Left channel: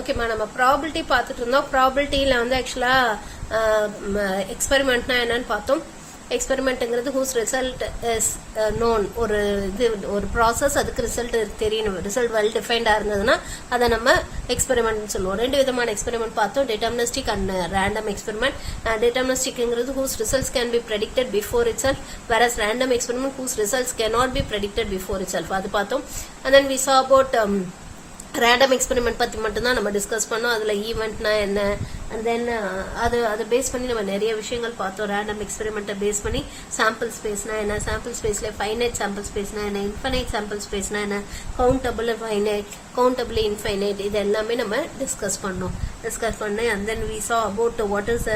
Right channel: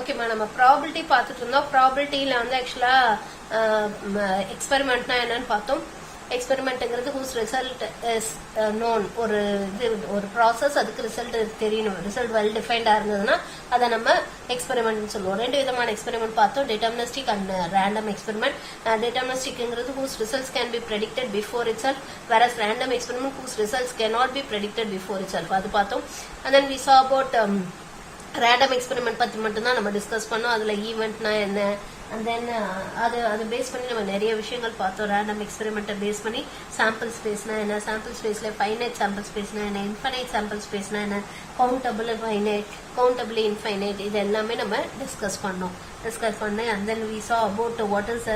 ஓகேம்மா, நம்ம ப்ராபிலிட்டி பார்த்துட்டு இருந்தோம். ப்ராபிலிட்டியில் வந்து ஆக்சுவலாக எக்ஸ்பெரிமெண்ட்னா என்னன்னு பார்த்தோம். எக்ஸ்பெரிமெண்ட்டுங்கிறது ஹூஸ் ரிசல்ட் இஸ் நோன். ஒரு ப்ராசஸ், அதுக்கு ரிசல்ட் தெரியணும். ரிசல்ட் வெல் டிஃபைன்டாக இருந்ததுன்னா அதை நம்ம எக்ஸ்பெரிமெண்ட்னு சொல்லுவோம். ரெண்டு விதமான எக்ஸ்பெரிமெண்ட் பார்த்தோம், டிட்டர்மினிஸ்டிக் அண்ட் ரேண்டம் எக்ஸ்பெரிமெண்ட். டிட்டர்மினிஸ்டிக்ங்கிறது whose results can be predicted before itself, whereas random experiment whose results can not be predicted before itself. அது பார்த்தோம். And then we saw about random experiment பற்றி மட்டும்தான் நம்ம discuss பண்ணோம். அதில் ஈவெண்ட்னா என்ன, and then அதை பேஸ் பண்ணி நம்ம நிறைய விஷயங்கள் பார்த்தோம். ரேண்டம் எக்ஸ்பெரிமெண்ட்டை பேஸ் பண்ணி சாம்பிள் ஸ்பேஸ்னா என்ன, சாம்பிள் ஸ்பேஸில் ஃபைனைட் சாம்பிள் ஸ்பேஸ்னா என்ன, இன்ஃபைனைட் சாம்பிள் ஸ்பேஸ்னா என்ன, கவுண்டபிள் ஃபைனைட், கவுண்டபிள் இன்ஃபைனைட், இது எல்லாமே நம்ம டிஸ்கஸ் பண்ணோம். And then we saw about what is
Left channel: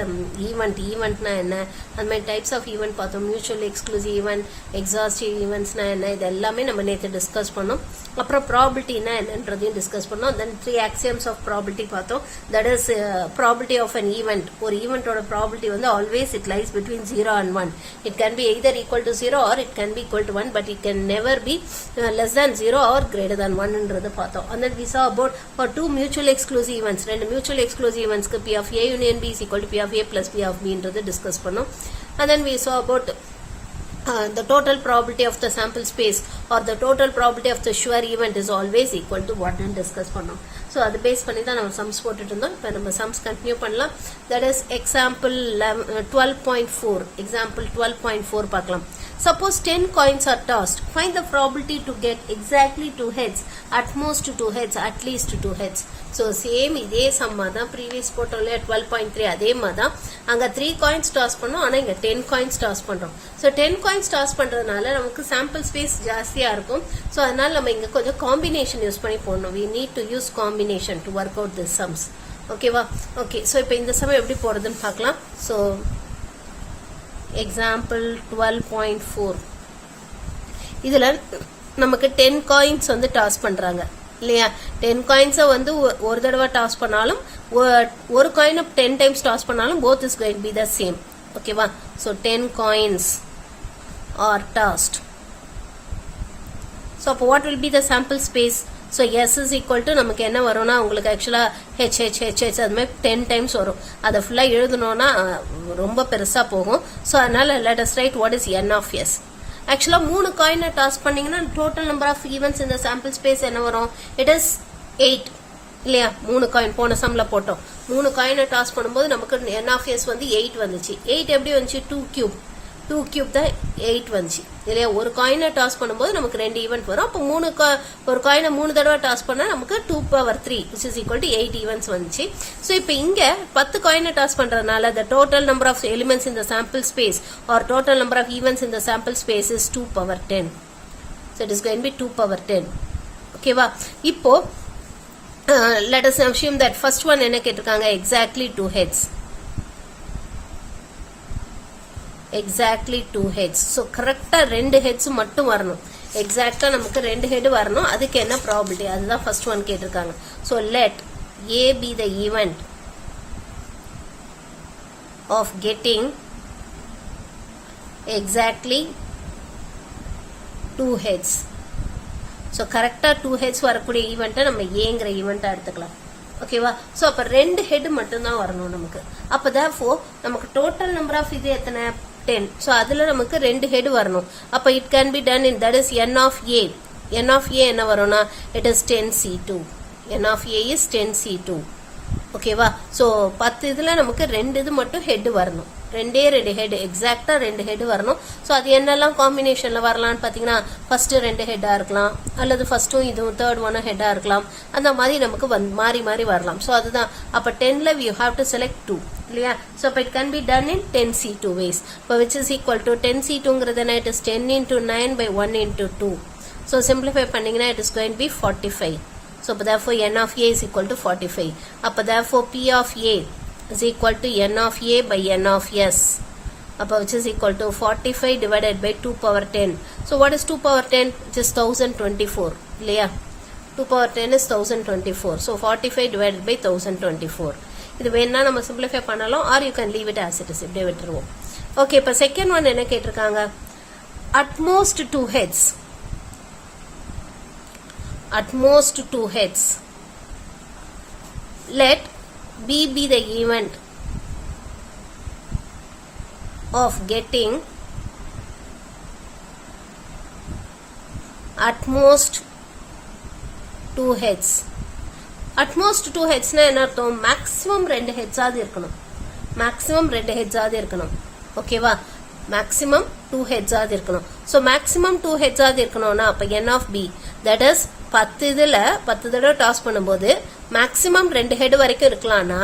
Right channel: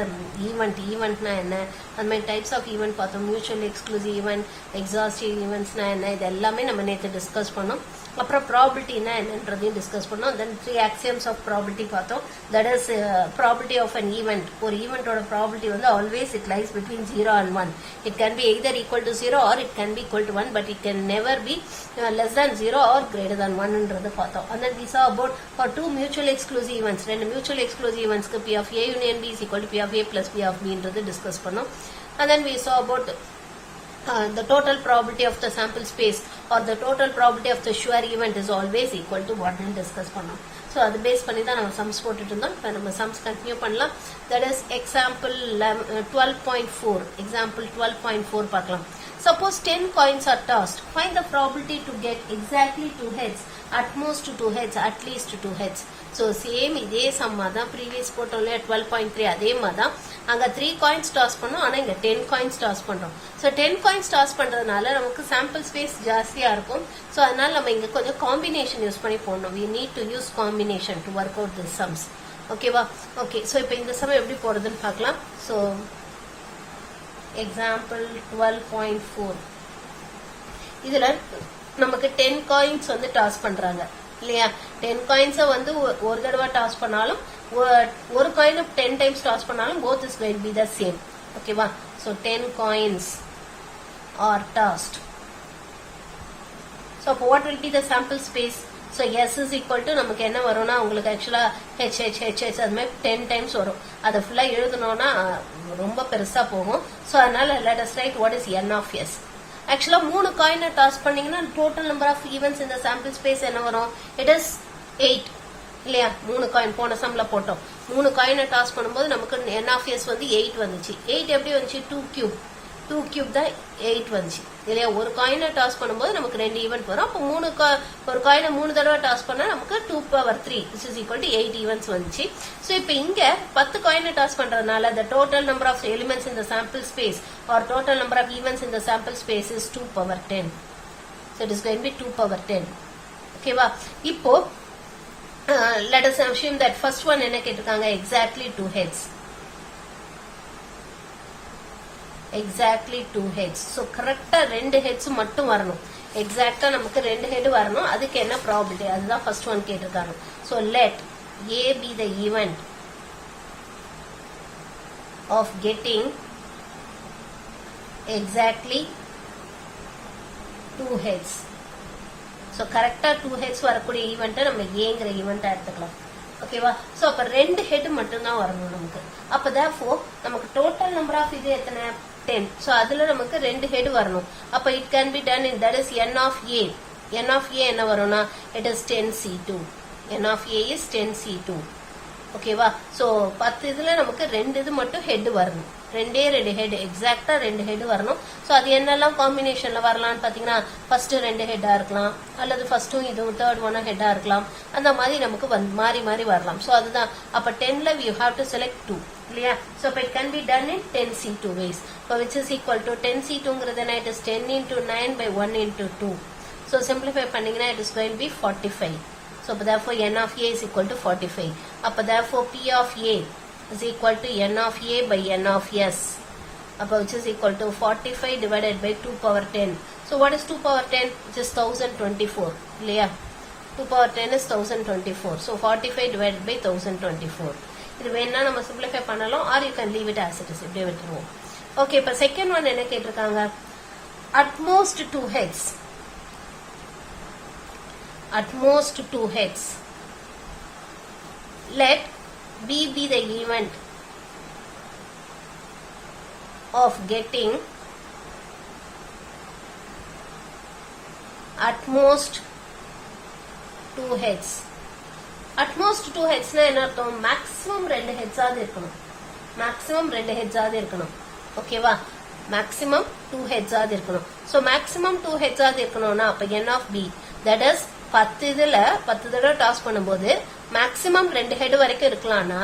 ஈவெண்ட்னா என்ன, அந்த மாதிரி டைப்ஸ் ஆஃப் ஈவெண்ட் பார்த்தோம். மியூச்சுவல் எக்ஸ்க்ளூசிவ் ஈவெண்ட், எக்ஸாஸ்டிவ் ஈவெண்ட்ஸ்னா என்ன, இது எல்லாமே நம்ம நேற்று டிஸ்கஸ் பண்ணோம். அப்புறம் ப்ராபிலிட்டினா என்னன்றதையும் டிஸ்கஸ் பண்ணோம். தென் 3 axioms ஆஃப் ப்ராபிலிட்டி பார்த்தோம். That is probability of an event. ஒரு ஈவெண்டோட ப்ராபிலிட்டி வந்து always it lies between 0 and 1. It can be either equal to 0 or it can be equal to 1, but it can never be less than 0 or greater than 1ன்றது பார்த்தோம். And then we saw about for 2 mutual exclusive events. ரெண்டு mutual exclusive eventsக்கு P of A union B is equal to P of A plus P of B ன்றது discuss பண்ணோம். And then we saw about the total probability of the sample space or the total probability of the sure event is always equal to 1 ன்னு discuss பண்ணோம். So அதை base பண்ணி தான் நம்ம sums போட்டுட்டு இருந்தோம். இப்போ நம்ம சம்ஸ் கண்டினியூ பண்ணலாம். That is example 12.4. எக்ஸாம்பிள் 12.4 பார்க்கலாம். Suppose 10 coins are tossed. Find the probability to get exactly 2 heads, at most 2 heads, at least 2 heads. So same இதே சம்மா தான் ப்ரீவியஸ் போட்டோம்ல 12.3 அதே மாதிரி தான். அங்கே 3 coins toss பண்ணோம், ஆனால் இங்கே 10 coins toss பண்ணுறோம். ஸோ 10 coins toss பண்ணுறதுனால நமக்கு சாம்பிள் ஸ்பேஸ் ஜாஸ்தியாக இருக்கும். ஸோ அதனால நம்ம இங்கே கொஞ்சம் காம்பினேஷன் யூஸ் பண்ணி போடணும். we need to use combination to work out the sums. ஓகேவா? ஓகே, ஸோ இப்போ இந்த சம் எப்படி போடுறதுன்னு பார்க்கலாம். ஸோ எக்ஸாம்பிள் 12.4 இதுல நமக்கு 10 காயின்ஸ் வந்து டாஸ் பண்றாங்க இல்லையா? 10 காயின்ஸை வந்து ஒரு தடவை டாஸ் பண்ணாலும் ஒரு காயினை 10 டைம்ஸ் டாஸ் பண்ணாலும் both is going to be the same. ஓகேவா? So 10 coins are tossed. So what will be the sample space? So S is equal to நமக்கு என்ன வரும்னா உங்களுக்கு ஆக்சுவலா H அது மாதிரி 10 டைம்ஸ் வரும். அதை ஃபுல்லா எழுதணும்னா ரொம்ப பெருசா போகும். ஸோ அதனால let us write what is N of S. ஆக்சுவலா 3 காயினை டாஸ் பண்ணீங்கன்னா டோட்டல் நம்பர் ஆஃப் ஈவெண்ட்ஸ் இந்த சாம்பிள் ஸ்பேஸ் என்ன வரும்? இட் இஸ் 8 இல்லையா? 3 காயின் போன சம்ல போட்டோம். 3 காயினை டாஸ் பண்ணும்போது நமக்கு N of S வந்து 8 வந்துச்சு. 8 எப்படி வந்துச்சு? 2 கியூப் தான் 8 வந்துச்சு இல்லையா? ஒரு காயினை டாஸ் பண்ணும்போது நமக்கு 2 ஈவெண்ட் வரும். அப்போ ஒரு காயினை 3 தடவை டாஸ் பண்ணா நமக்கு 2 power 3 which is equal to 8 events வந்துச்சு. ஸோ இப்போ இங்க 10 காயினை டாஸ் பண்றதுனால the total number of elements in the sample space or total number of events in the sample space is 2 power 10. So it is going to be 2 power 10. ஓகேவா? இப்போ let us assume that first one என்ன கேட்டிருக்காங்க? exactly 2 heads. Exactly 2 heads. So கரெக்டா 2 heads மட்டும் வரணும். எக்ஸாக்டா நமக்கு 2 head வரணும். அதுக்கு என்ன ப்ராபபிலிட்டி? அதுதான் ஃபர்ஸ்ட் ஒன் கேட்டிருக்காங்க. So let A be the event of getting exactly 2 heads. So கரெக்டா 2 heads வரக்கூடிய ஈவெண்ட்டை நம்ம ஏங்கிற ஈவெண்ட்டா எடுத்துக்கலாம். ஓகேவா? ஸோ அப்போ 2 head மட்டும்தான் வரணும் நமக்கு. அப்போ therefore நமக்கு டோட்டல் நம்பர் ஆஃப் இது எத்தனை? 10. ஸோ அதுல நமக்கு 2 head வரணும். அப்போ it can be done in that is N of A. N of A என்ன வரும்னா it is 10C2. N of A is 10C2. ஓகேவா? ஸோ 10 இதுல நமக்கு 2 இது மட்டும் ஹெட் வரணும். 2 ஹெட் எக்ஸாக்டா 2 ஹெட் வரணும். ஸோ அது என்னெல்லாம் காம்பினேஷன்ல வரலாம்னு பாத்தீங்கன்னா ஃபர்ஸ்ட் 2 ஹெட்டா இருக்கலாம், அல்லது ஃபர்ஸ்டும் இது தேர்ட் ஒன்னும் ஹெட்டா இருக்கலாம். அந்த மாதிரி நமக்கு மாறி மாறி வரலாம். ஸோ அதுதான் அப்ப 10ல யூ ஹாவ் டு செலக்ட் 2 இல்லையா? ஸோ இப்போ it can be done in 10C2 ways. இப்போ which is equal to 10C2ங்கிறது என்ன? It is 10 into 9 by 1 into 2. So simplify பண்ணீங்கன்னா it is going to be 45. So therefore N of A is equal to 45. Appa therefore P of A is equal to N of A by N of S. Appa which is equal to 45 divided by 2 power 10. So what is 2 power 10? Which is 1024. Leah. 2 power 10 is 1024. So 45 divided by 1024. இது வேணா நம்ம simplify பண்ணலாம், or you can leave it as it is. இப்படியே விட்டுருவோம். Okay, இப்போ second one என்ன கேட்டிருக்காங்க? at most 2 heads. At most 2 heads. let B be the event of getting at most 2 heads. At most 2 heads na enna artham maximum 2 heads ஆது இருக்கணும். maximum 2 heads ஆது இருக்கணும். ஓகேவா? maximum 2 heads ஆது இருக்கணும். so maximum 2 heads ஆது இருக்கணும்னா அப்ப n of b that is 10 இதுல 10 தடவை டாஸ் பண்ணும்போது maximum 2 head வரைக்கும் இருக்கலாம்னா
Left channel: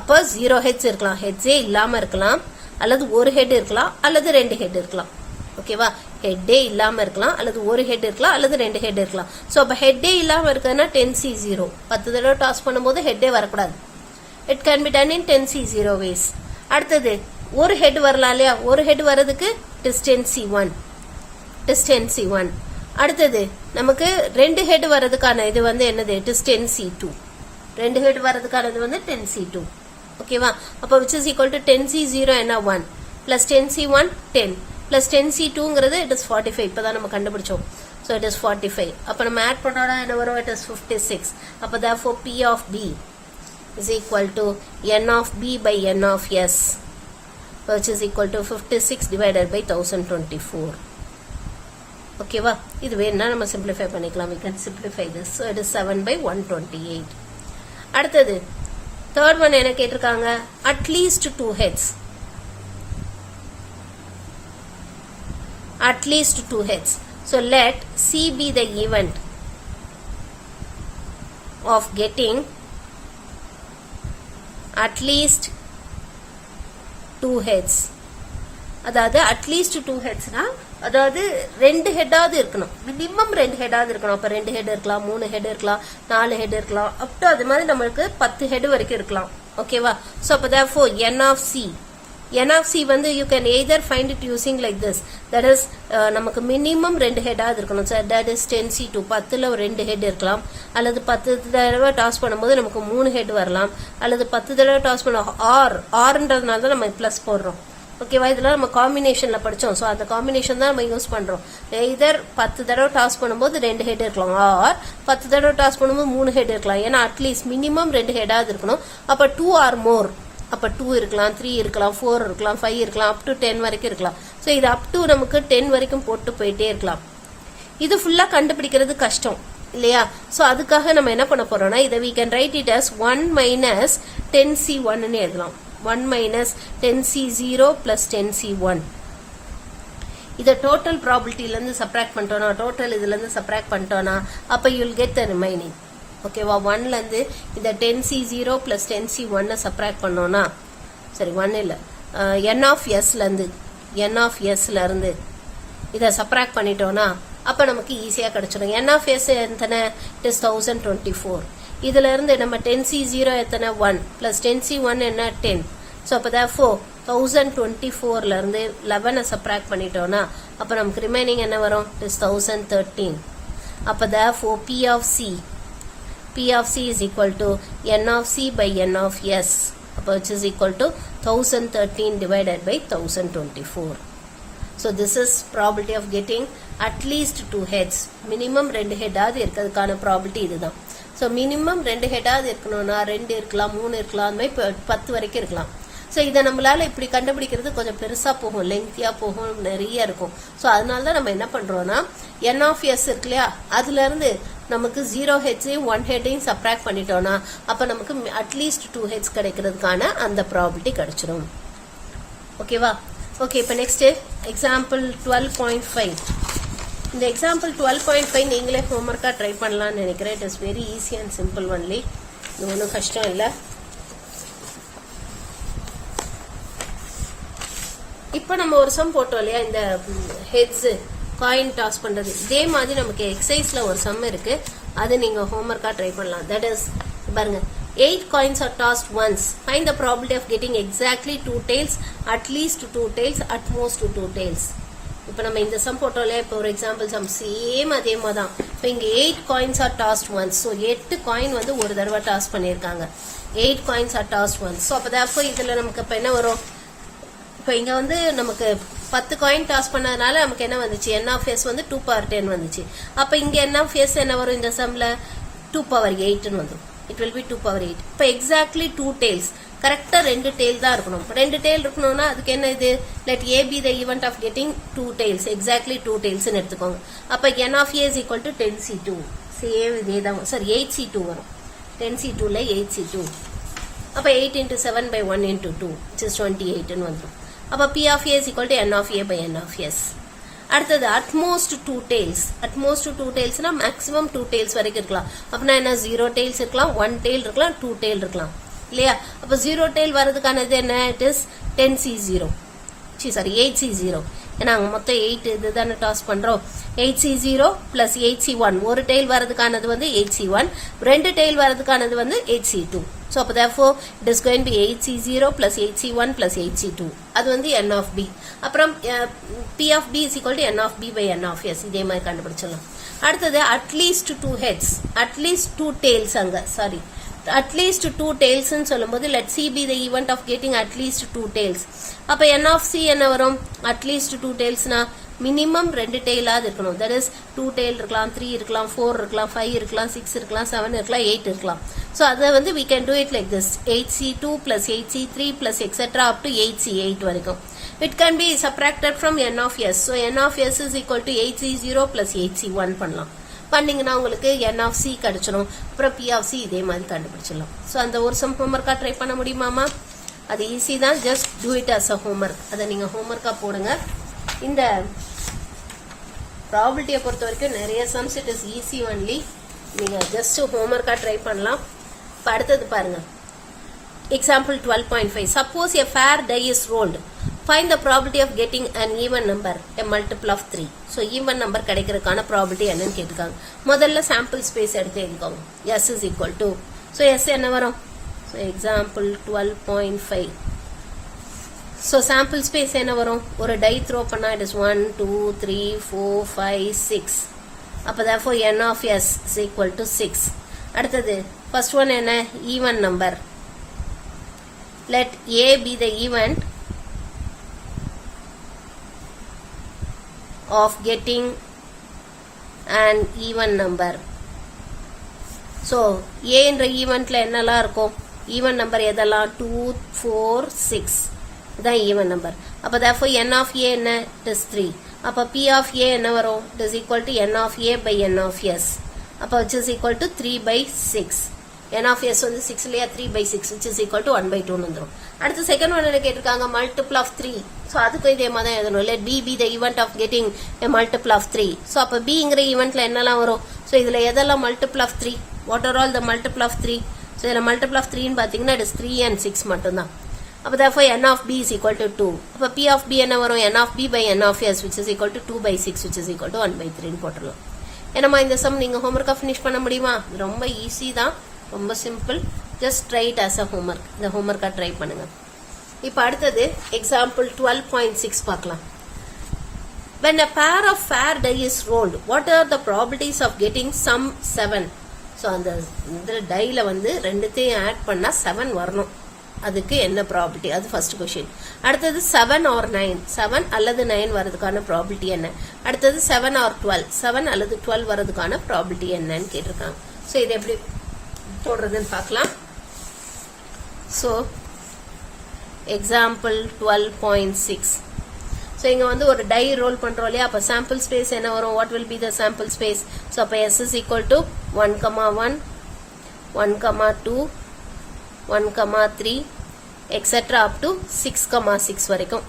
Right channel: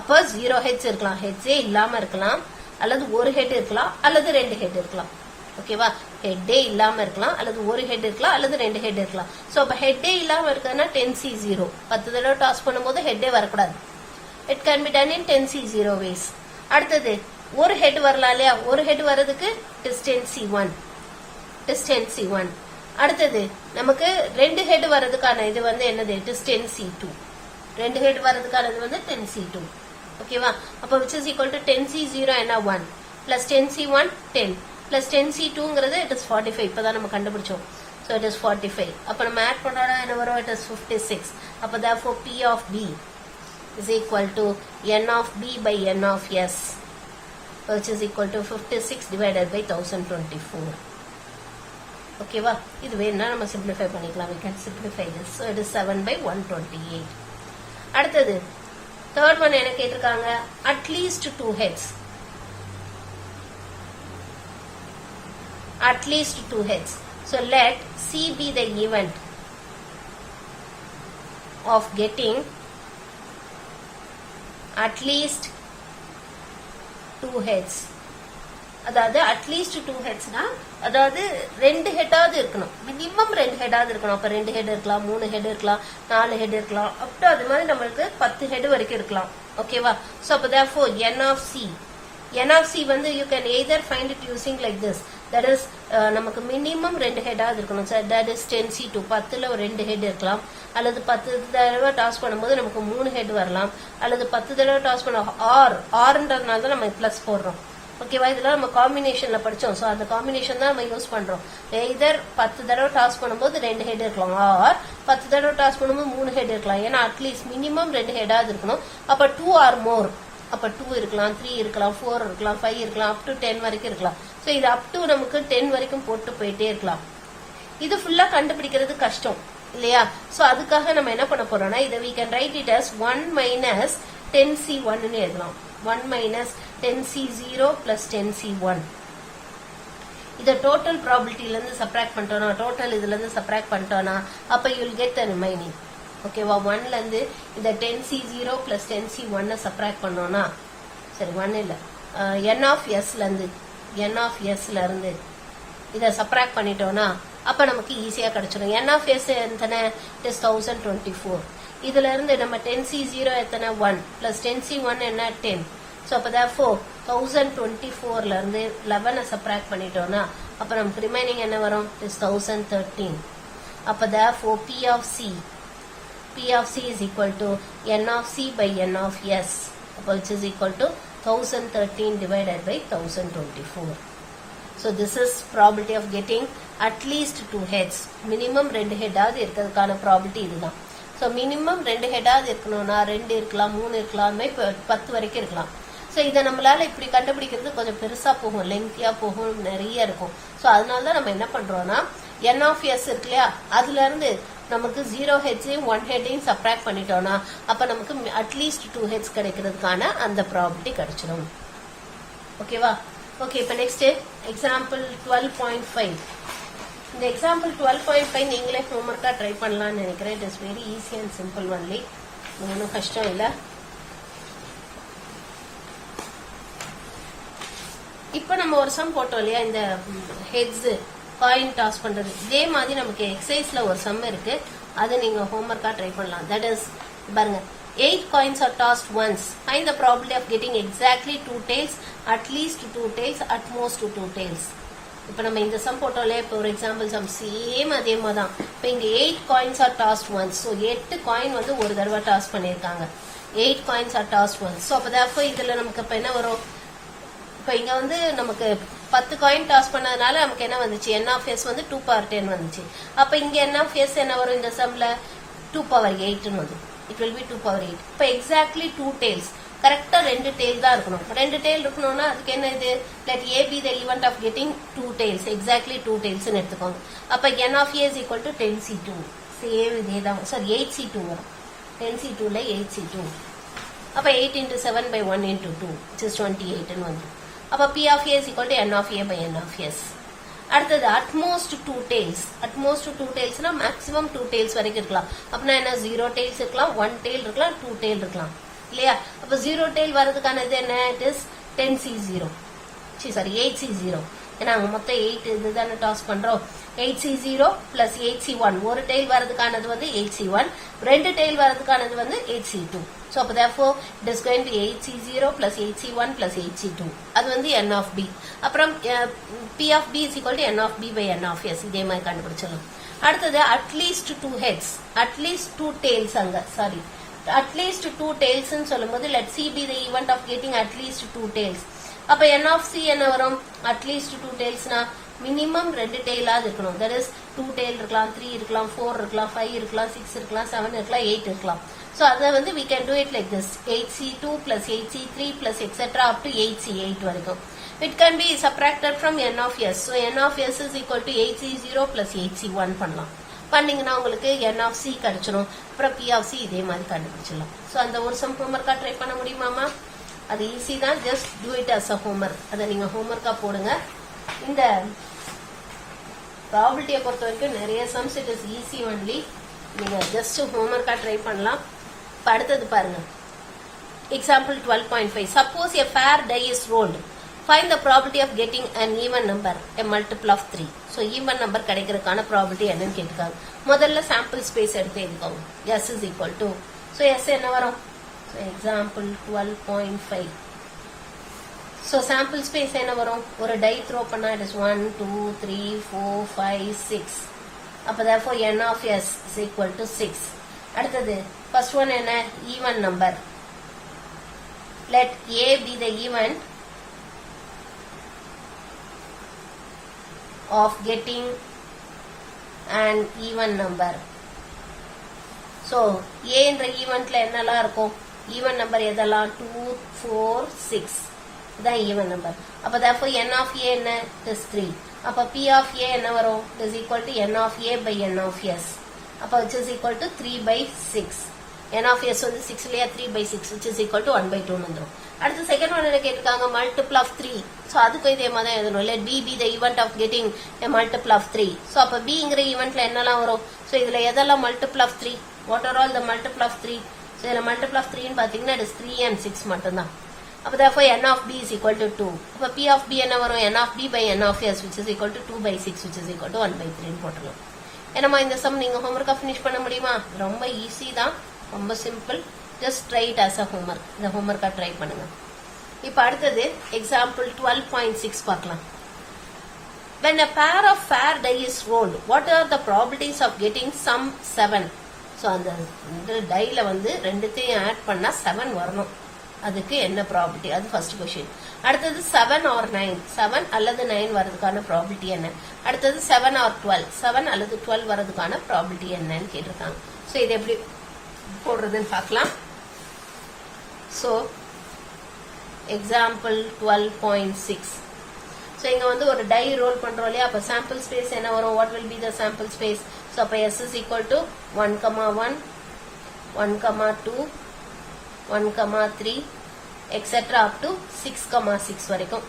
அப்ப 0 heads இருக்கலாம். heads ஏ இல்லாம இருக்கலாம் அல்லது ஒரு head இருக்கலாம் அல்லது 2 head இருக்கலாம். ஓகேவா? ஹெட்டே இல்லாம இருக்கலாம் அல்லது ஒரு ஹெட் இருக்கலாம் அல்லது 2 ஹெட் இருக்கலாம். சோ அப்ப ஹெட்டே இல்லாம இருக்குதுன்னா 10c0 10 தடவை டாஸ் பண்ணும்போது ஹெட்டே வரக்கூடாது. It can be done in 10c0 ways. அடுத்தது ஒரு ஹெட் வரலாம் இல்லையா? ஒரு ஹெட் வர்றதுக்கு டிஸ்டன்சி1 டிஸ்டன்சி1. அடுத்தது நமக்கு 2 ஹெட் வர்றதுக்கான இது வந்து என்னது? டிஸ்டன்சி2. 2 ஹெட் வர்றதுக்கானது வந்து 10c2. ஓகேவா? அப்ப which is equal to 10c0 என்ன 1 plus 10c1 10 plus 10c2ங்கிறது it is 45. இப்பதான் நம்ம கண்டுபிடிச்சோம். so it is 45. அப்ப நம்ம ஆட் பண்ணோம்னா என்ன வரும்? it is 56. அப்ப therefore p of b is equal to n of b by n of s, which is equal to 56 divided by 1024. ஓகேவா? இது வேணா நம்ம சிம்பிளிஃபை பண்ணிக்கலாம். we can simplify this. so it is 7 by 128. அடுத்தது third one என்ன கேட்டிருக்காங்க? at least 2 heads. at least 2 heads. so let C be the event of getting at least 2 heads. அதாவது at least 2 heads னா அதாவது 2 ஹெட்டாவது இருக்கணும். Minimum 2 ஹெட்டாவது இருக்கணும். அப்ப 2 head இருக்கலாம், 3 ஹெட் இருக்கலாம், 4 ஹெட் இருக்கலாம், அப் டு அது மாதிரி நம்மளுக்கு 10 ஹெட் வரைக்கும் இருக்கலாம். ஓகேவா? சோ அப்ப therefore n of c வந்து you can either find it using like this. that is நமக்கு மினிமம் 2 ஹெட்டாவது இருக்கணும். so that is 10c2 10ல ஒரு 2 ஹெட் இருக்கலாம் அல்லது 10 தடவை டாஸ் பண்ணும்போது நமக்கு 3 ஹெட் வரலாம் அல்லது 10 தடவை டாஸ் பண்ண ஆர்ன்றதுனால தான் நம்ம பிளஸ் போடுறோம். ஓகேவா? இதெல்லாம் நம்ம காம்பினேஷன்ல படிச்சோம். சோ அந்த காம்பினேஷன் தான் நம்ம யூஸ் பண்றோம். either 10 தடவை டாஸ் பண்ணும்போது 2 ஹெட் இருக்கலாம் ஆர் 10 தடவை டாஸ் பண்ணும்போது 3 ஹெட் இருக்கலாம். ஏன்னா அட்லீஸ்ட் மினிமம் 2 ஹெட்டாவது இருக்கணும். அப்ப 2 ஆர் மோர் அப்ப 2 இருக்கலாம், 3 இருக்கலாம், 4 இருக்கலாம், 5 இருக்கலாம், அப் டு 10 வரைக்கும் இருக்கலாம். சோ இது அப் டு நமக்கு 10 வரைக்கும் போட்டு போயிட்டே இருக்கலாம். இது ஃபுல்லா கண்டுபிடிக்கிறது கஷ்டம் இல்லையா? சோ அதுக்காக நம்ம என்ன பண்ண போறோம்னா இத we can write it as 1 minus 10c1 ன்னு எழுதலாம். 1 minus 10c0 plus 10c1. இத டோட்டல் ப்ராபபிலிட்டில இருந்து சப்ட்ராக்ட் பண்ணிட்டோம்னா டோட்டல் இதுல இருந்து சப்ட்ராக்ட் பண்ணிட்டோம்னா அப்ப you will get the remaining. ஓகேவா? 1ல இருந்து இந்த 10c0 plus 10c1 சப்ட்ராக்ட் பண்ணோம்னா சரி 1 இல்ல n of s ல இருந்து இத சப்ட்ராக்ட் பண்ணிட்டோம்னா அப்ப நமக்கு ஈஸியா கிடைச்சிடும். n of s எத்தனை? it is 1024. இதுல இருந்து நம்ம 10c0 எத்தனை? 1 plus 10c1 என்ன? 10. சோ அப்ப therefore 1024ல இருந்து 11 சப்ட்ராக்ட் பண்ணிட்டோம்னா அப்ப நமக்கு ரிமைனிங் என்ன வரும்? it is 1013. அப்ப therefore P of C is equal to n of C by n of S, which is equal to 1013 divided by 1024. So this is probability of getting at least 2 heads. Minimum 2 head ஆது இருக்கிறதுக்கான probability இதுதான். So minimum 2 head ஆது இருக்கணும்னா 2 இருக்கலாம், 3 இருக்கலாம், 10 வரைக்கும் இருக்கலாம். So இத நம்மளால இப்படி கண்டுபிடிக்கிறது கொஞ்சம் பெருசா போகும், லெங்தியா போகும், நிறைய இருக்கும். சோ அதனால தான் நம்ம என்ன பண்றோம்னா n of s இருக்கு இல்லையா? அதுல இருந்து நமக்கு 0 ஹெட்ஸையும் 1 ஹெட்டையும் சப்ட்ராக்ட் பண்ணிட்டோம்னா அப்ப நமக்கு அட்லீஸ்ட் 2 ஹெட்ஸ் கிடைக்கிறதுக்கான அந்த ப்ராபபிலிட்டி கிடைச்சிடும். ஓகேவா? ஓகே, இப்ப நெக்ஸ்ட் எக்ஸாம்பிள் 12.5. இந்த எக்ஸாம்பிள் 12.5 நீங்களே ஹோம்வொர்க்கா ட்ரை பண்ணலாம்னு நினைக்கிறேன். It is very easy and simple only. இது ஒன்றும் கஷ்டம் இல்லை. இப்ப நம்ம ஒரு சம் போட்டோம் இல்லையா? இந்த ஹெட்ஸ் காயின் டாஸ் பண்றது இதே மாதிரி நமக்கு எக்ஸசைஸ்ல ஒரு சம் இருக்கு. அதை நீங்க ஹோம்வொர்க்கா ட்ரை பண்ணலாம். தட் இஸ் பாருங்க, 8 coins are tossed once. Find the probability of getting exactly 2 tails, at least 2 tails, at most 2 tails. இப்ப நம்ம இந்த சம் போட்டோம்ல, இப்போ ஒரு எக்ஸாம்பிள் சம் சேம் அதே மாதிரி தான். இப்போ இங்க 8 coins are tossed once. So 8 coin வந்து ஒரு தடவை டாஸ் பண்ணியிருக்காங்க. 8 coins are tossed once. So அப்போ இதுல நமக்கு இப்ப என்ன வரும்? இப்போ இங்க வந்து நமக்கு 10 காயின் டாஸ் பண்ணதுனால நமக்கு என்ன வந்துச்சு? n of s வந்து 2 power 10 வந்துச்சு. அப்ப இங்க n of s என்ன வரும்? இந்த சம்ல 2 power 8 வந்து it will be 2 power 8. இப்போ exactly 2 tails. கரெக்டா 2 tail தான் இருக்கணும். 2 tail இருக்கணும்னா அதுக்கு என்ன இது? Let A be the event of getting 2 tails. Exactly 2 tails ன்னு எடுத்துக்கோங்க. அப்ப n of A is equal to 10C2. Same இதே தான். Sorry 8C2 வரும். 10C2 ல 8C2. அப்ப 8 into 7 by 1 into 2 which is 28 ன்னு வந்துரும். அப்ப P of A is equal to n of A by n of S. அடுத்தது அட்மோஸ்ட் 2 tails. அட்மோஸ்ட் 2 tailsனா மேக்ஸிமம் 2 tails வரைக்கும் இருக்கலாம். அப்பனா என்ன 0 tails இருக்கலாம், 1 tail இருக்கலாம், 2 tail இருக்கலாம். இல்லையா? அப்ப 0 tail வரதுக்கான இது என்ன? It is 10C0. Sorry 8C0. ஏன்னா அங்க மொத்தம் 8 இதுதானே டாஸ் பண்றோம். 8C0 plus 8C1. ஒரு tail வரதுக்கானது வந்து 8C1, ரெண்டு tail வரதுக்கானது வந்து 8C2. So அப்ப therefore it is going to be 8C0 plus 8C1 plus 8C2. அது வந்து n of b. அப்புறம் P of b is equal to n of b by n of s. இதே மாதிரி கண்டுபிடிச்சலாம். அடுத்தது at least 2 heads, at least 2 tails அங்க. Sorry at least 2 tails ன்னு சொல்லும்போது let C be the event of getting at least 2 tails. அப்ப n of C என்ன வரும்? at least 2 tailsனா minimum 2 tail ஆது இருக்கணும். that is 2 tail இருக்கலாம், 3 இருக்கலாம், 4 இருக்கலாம், 5 இருக்கலாம், 6 இருக்கலாம், 7 இருக்கலாம், 8 இருக்கலாம். so அத வந்து we can do it like this 8C2 plus 8C3 plus etc up to 8C8 வரைக்கும். it can be subtracted from n of S. so n of S is equal to 8C0 plus 8C1 பண்ணலாம். பண்ணீங்கன்னா உங்களுக்கு n of C கிடைச்சிடும். அப்புறம் P of C இதே மாதிரி கண்டுபிடிச்சிடலாம். So அந்த ஒரு சம் ஹோம்ஒர்க்கா ட்ரை பண்ண முடியுமாமா? அது ஈஸி தான். Just do it as a homework. அதை நீங்க ஹோம்ஒர்க்கா போடுங்க. இந்த ப்ராபபிலிட்டியை பொறுத்த வரைக்கும் நிறைய sums it is easy only. நீங்க ஜஸ்ட் ஹோம்ஒர்க்கா ட்ரை பண்ணலாம். அடுத்தது பாருங்க. Example 12.5. Suppose a fair die is rolled. Find the probability of getting an even number, a multiple of 3. So even number கிடைக்கிறதுக்கான probability என்னன்னு கேட்டுக்காங்க. முதல்ல sample space எடுத்து எழுதிக்கோங்க. S is equal to. So S என்ன வரும்? So example 12.5. So sample space என்ன வரும்? ஒரு die throw பண்ணா it is 1, 2, 3, 4, 5, 6. அப்ப therefore n of S is equal to 6. அடுத்தது first one என்ன? Even number. Let A be the event of getting an even number. So A என்ற ஈவென்ட்ல என்னெல்லாம் இருக்கும்? ஈவன் நம்பர் எதெல்லாம்? 2, 4, 6 இதான் ஈவன் நம்பர். அப்ப therefore n of A என்ன? it is 3. அப்ப P of A என்ன வரும்? it is equal to n of A by n of S. அப்ப which is equal to 3 by 6. n of S வந்து 6 இல்லையா? 3 by 6 which is equal to 1 by 2 வந்துரும். அடுத்து second one என்ன கேட்டிருக்காங்க? Multiple of 3. ஸோ அதுக்கு இதே மாதிரி தான் எழுதணும். இல்லை B be the event of getting a multiple of 3. So அப்போ Bங்கிற ஈவெண்ட்ல என்னெல்லாம் வரும்? ஸோ இதுல எதெல்லாம் multiple of 3? What are all the multiple of 3? So இதில் மல்டிபிள் ஆஃப் 3ன்னு பார்த்தீங்கன்னா it is 3 and 6 மட்டும்தான். அப்போ therefore n of B is equal to 2. அப்போ P of B என்ன வரும்? n of B by n of S which is equal to 2 by 6 which is equal to 1 by 3ன்னு போட்டுருவோம். என்னம்மா இந்த சம் நீங்க ஹோம்ஒர்க்கா finish பண்ண முடியுமா? ரொம்ப ஈஸி தான், ரொம்ப simple. Just try it as a homework. இந்த ஹோம்ஒர்க்கா ட்ரை பண்ணுங்க. இப்ப அடுத்தது எக்ஸாம்பிள் 12.6 பார்க்கலாம். When a pair of fair die is rolled, what are the probabilities of getting sum 7? So அந்த டைல வந்து ரெண்டுத்தையும் ஆட் பண்ணா 7 வரணும். அதுக்கு என்ன ப்ராபபிலிட்டி? அது ஃபர்ஸ்ட் क्वेश्चन. அடுத்தது 7 or 9, 7 அல்லது 9 வரதுக்கான ப்ராபபிலிட்டி என்ன? அடுத்தது 7 or 12, 7 அல்லது 12 வரதுக்கான ப்ராபபிலிட்டி என்னன்னு கேட்டிருக்காங்க. சோ இது எப்படி போடுறதுன்னு பார்க்கலாம். So example 12.6. so இங்க வந்து ஒரு டை ரோல் பண்றோம் இல்லையா? அப்ப sample space என்ன வரும்? what will be the sample space? so அப்ப S is equal to 1,1 1,2 1,3 etc up to 6,6 வரைக்கும்.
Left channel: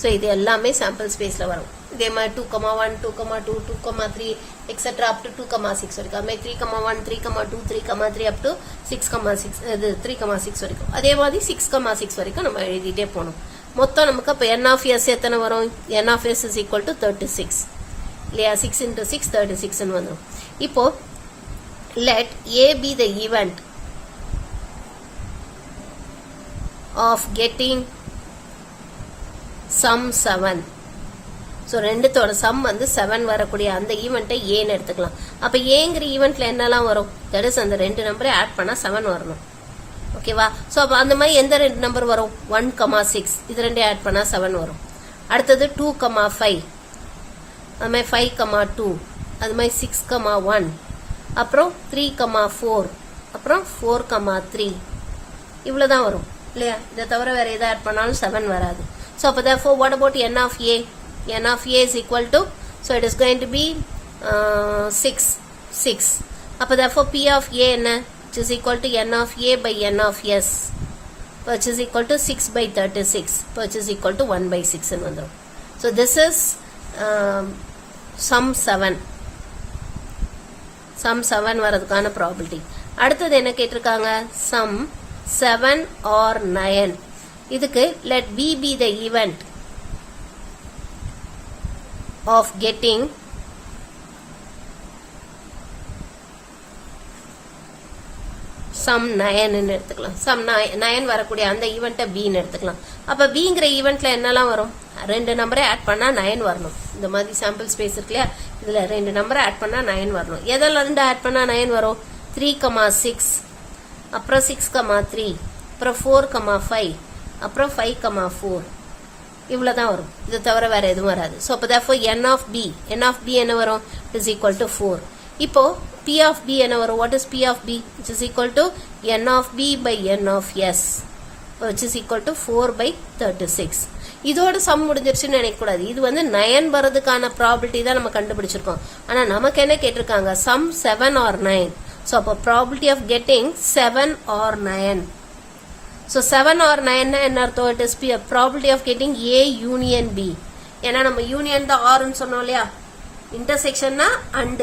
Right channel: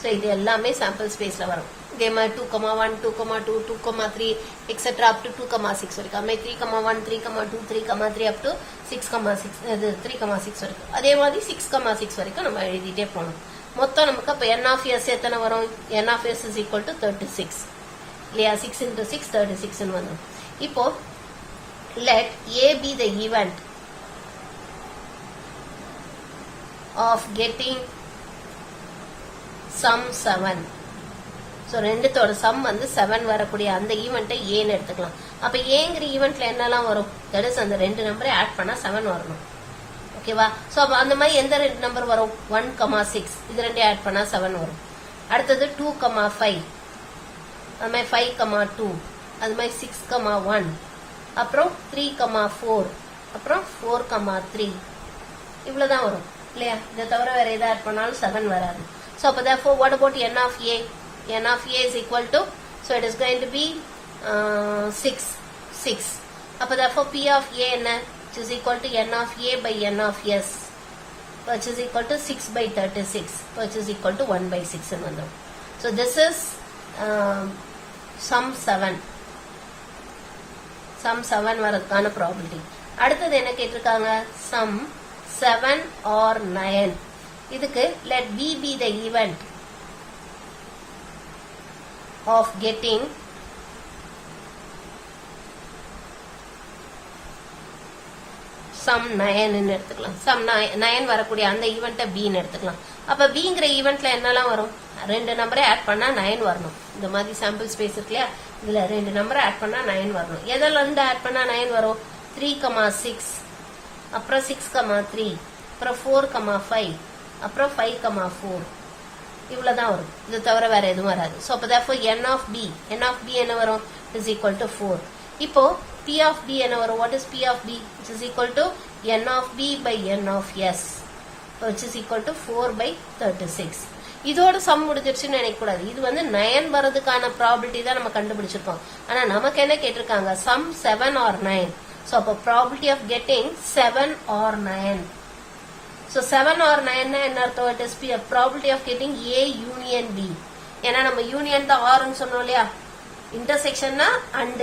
so இது எல்லாமே sample spaceல வரும். இதே மாதிரி 2,1 2,2 2,3 etc up to 2,6 வரைக்கும். அதே 3,1 3,2 3,3 up to 6,6 இது 3,6 வரைக்கும். அதே மாதிரி 6,6 வரைக்கும் நம்ம எழுதிட்டே போகணும். மொத்தம் நமக்கு அப்ப n of S எத்தனை வரும்? n of S is equal to 36 இல்லையா? 6 into 6 36 ன்னு வரும். இப்போ let A be the event of getting sum 7. so ரெண்டுத்தோட some வந்து 7 வரக்கூடிய அந்த ஈவெண்ட்டை ஏன்னு எடுத்துக்கலாம். அப்ப ஏங்கிற ஈவெண்ட்ல என்னெல்லாம் வரும்? தட் இஸ் அந்த ரெண்டு நம்பரை ஆட் பண்ணா 7 வரணும். ஓகேவா? சோ அப்ப அந்த மாதிரி எந்த ரெண்டு நம்பர் வரும்? 1,6 இது ரெண்டே ஆட் பண்ணா 7 வரும். அடுத்தது 2,5 அது மாதிரி 5,2 அது மாதிரி 6,1 அப்புறம் 3,4 அப்புறம் 4,3 இவ்வளவுதான் வரும் இல்லையா? இதை தவிர வேற எதை ஆட் பண்ணாலும் 7 வராது. So அப்ப therefore what about n of a? N of a is equal to, so it is going to be 6. அப்ப therefore p of a என்ன? Which is equal to n of a by n of s, which is equal to 6 by 36, which is equal to 1 by 6 ன்னு வரும். So this is sum 7. sum 7 வரதுக்கான probability. அடுத்தது என்ன கேட்டிருக்காங்க? sum 7 or 9. இதுக்கு let b be the event of getting sum 9 ன்னு எடுத்துக்கலாம். sum 9 வரக்கூடிய அந்த ஈவெண்ட்டை b ன்னு எடுத்துக்கலாம். அப்ப bங்கிற ஈவெண்ட்ல என்னெல்லாம் வரும்? ரெண்டு நம்பரை ஆட் பண்ணா 9 வரணும். இந்த மாதிரி சாம்பிள் ஸ்பேஸ் இருக்கு இல்லையா? இதுல ரெண்டு நம்பரை ஆட் பண்ணா 9 வரணும். எதெல்லாம் இருந்து ஆட் பண்ணா 9 வரும்? 3,6, அப்புறம் 6,3, அப்புறம் 4,5, அப்புறம் 5,4 இவ்வளவுதான் வரும். இது தவிர வேற எதுவும் வராது. சோ அப்ப therefore n of b என்ன வரும்? is equal to 4. இப்போ p of b என்ன வரும்? what is p of b? which is equal to n of b by n of s, which is equal to 4 by 36. இதோட some முடிஞ்சிருச்சுன்னு நினைக்க கூடாது. இது வந்து 9 வரதுக்கான ப்ராபபிலிட்டி தான் நம்ம கண்டுபிடிச்சிருக்கோம். ஆனா நமக்கு என்ன கேட்டிருக்காங்க? Sum 7 or 9. சோ அப்ப probability of getting 7 or 9. So 7 or 9 என்ன அர்த்தம்? it is probability of getting A union B. ஏன்னா நம்ம யூனியன் தான் R ன்னு சொன்னோம் இல்லையா? இன்டர்செக்ஷன்னா and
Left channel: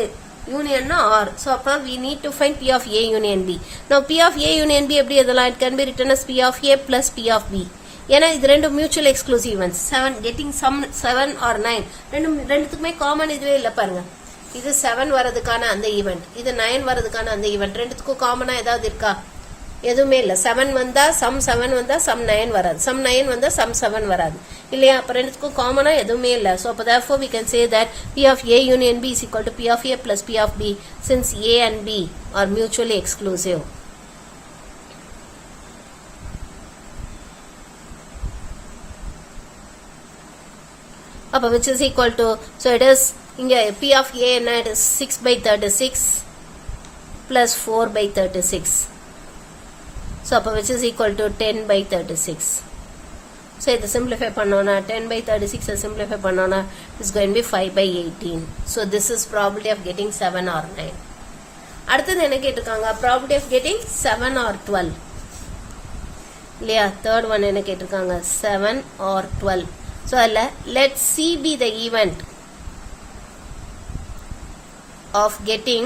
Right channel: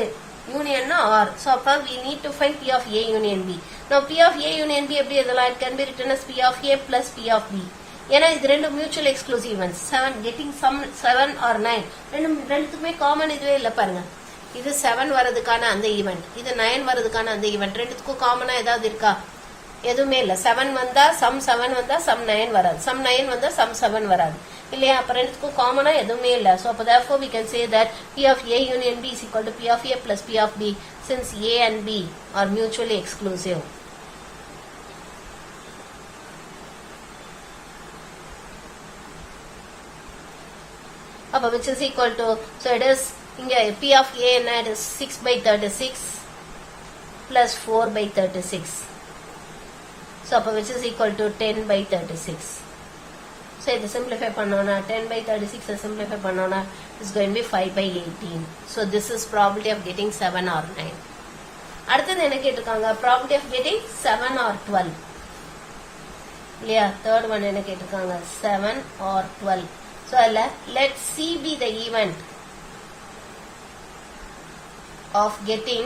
யூனியன்னா R. So அப்ப we need to find P of A union B. Now P of A union B எப்படி எழுதலாம்? it can be written as P of A plus P of B. ஏன்னா இது ரெண்டு mutual exclusive events. 7 getting some 7 or 9 ரெண்டுத்துக்குமே common இதுவே இல்ல பாருங்க. இது 7 வரதுக்கான அந்த ஈவெண்ட், இது 9 வரதுக்கான அந்த ஈவெண்ட். ரெண்டுத்துக்கும் காமனா ஏதாவது இருக்கா? எதுவுமே இல்ல. 7 வந்தா சம் 7 வந்தா சம் 9 வராது, சம் 9 வந்தா சம் 7 வராது இல்லையா? அப்ப ரெண்டுத்துக்கும் காமனா எதுவுமே இல்ல. சோ அப்ப therefore we can say that P of A union B is equal to P of A plus P of B, since A and B are mutually exclusive. அப்ப which is equal to, so it is இங்க P of A என்ன? it is 6 by 36 plus 4 by 36. So அப்ப which is equal to 10 by 36. So இதை simplify பண்ணோம்னா 10 by 36 simplify பண்ணோம்னா it's going to be 5 by 18. So this is probability of getting 7 or 9. அடுத்தது என்ன கேட்டிருக்காங்க? probability of getting 7 or 12 இல்லையா? third one என்ன கேட்டிருக்காங்க? 7 or 12. So அதில் let C be the event of getting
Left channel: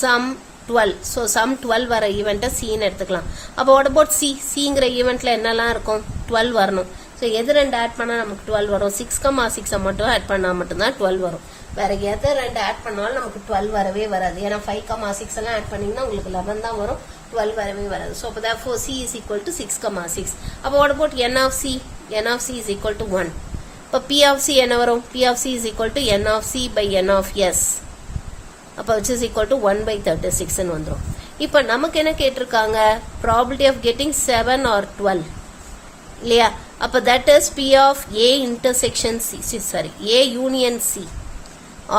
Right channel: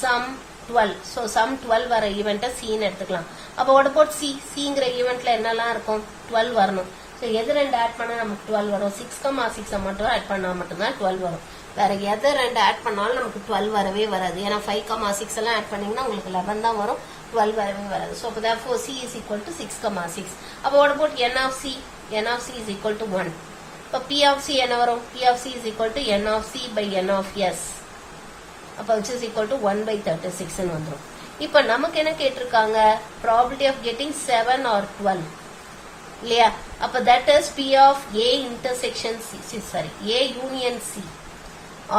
some 12. So sum 12 வர ஈவெண்ட்டை C ன்னு எடுத்துக்கலாம். அப்போ what about C? Cங்கிற ஈவெண்ட்ல என்னெல்லாம் இருக்கும்? 12 வரணும். ஸோ எது ரெண்டு ஆட் பண்ணா நமக்கு 12 வரும்? 6,6 மட்டும் ஆட் பண்ணா மட்டும்தான் 12 வரும். வேற எதை ரெண்டு ஆட் பண்ணாலும் நமக்கு 12 வரவே வராது. ஏன்னா 5,6 எல்லாம் ஆட் பண்ணீங்கன்னா உங்களுக்கு 11 தான் வரும், 12 வரவே வராது. ஸோ அப்போ therefore C is equal to 6,6. அப்போ what about n of C? n of C is equal to 1. இப்போ P of C என்ன வரும்? P of C is equal to n of C by n of S. அப்ப which is equal to 1 by 36 ன்னு வந்துரும். இப்ப நமக்கு என்ன கேட்டிருக்காங்க? probability of getting 7 or 12 இல்லையா? அப்ப that is P of A intersection C, sorry, A union C.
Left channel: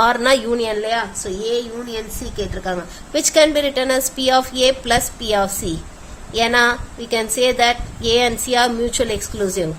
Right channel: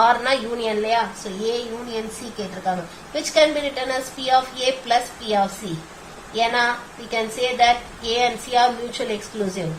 or na union இல்லையா? so A union C கேட்டிருக்காங்க, which can be written as P of A plus P of C. ஏன்னா we can say that A and C are mutually exclusive.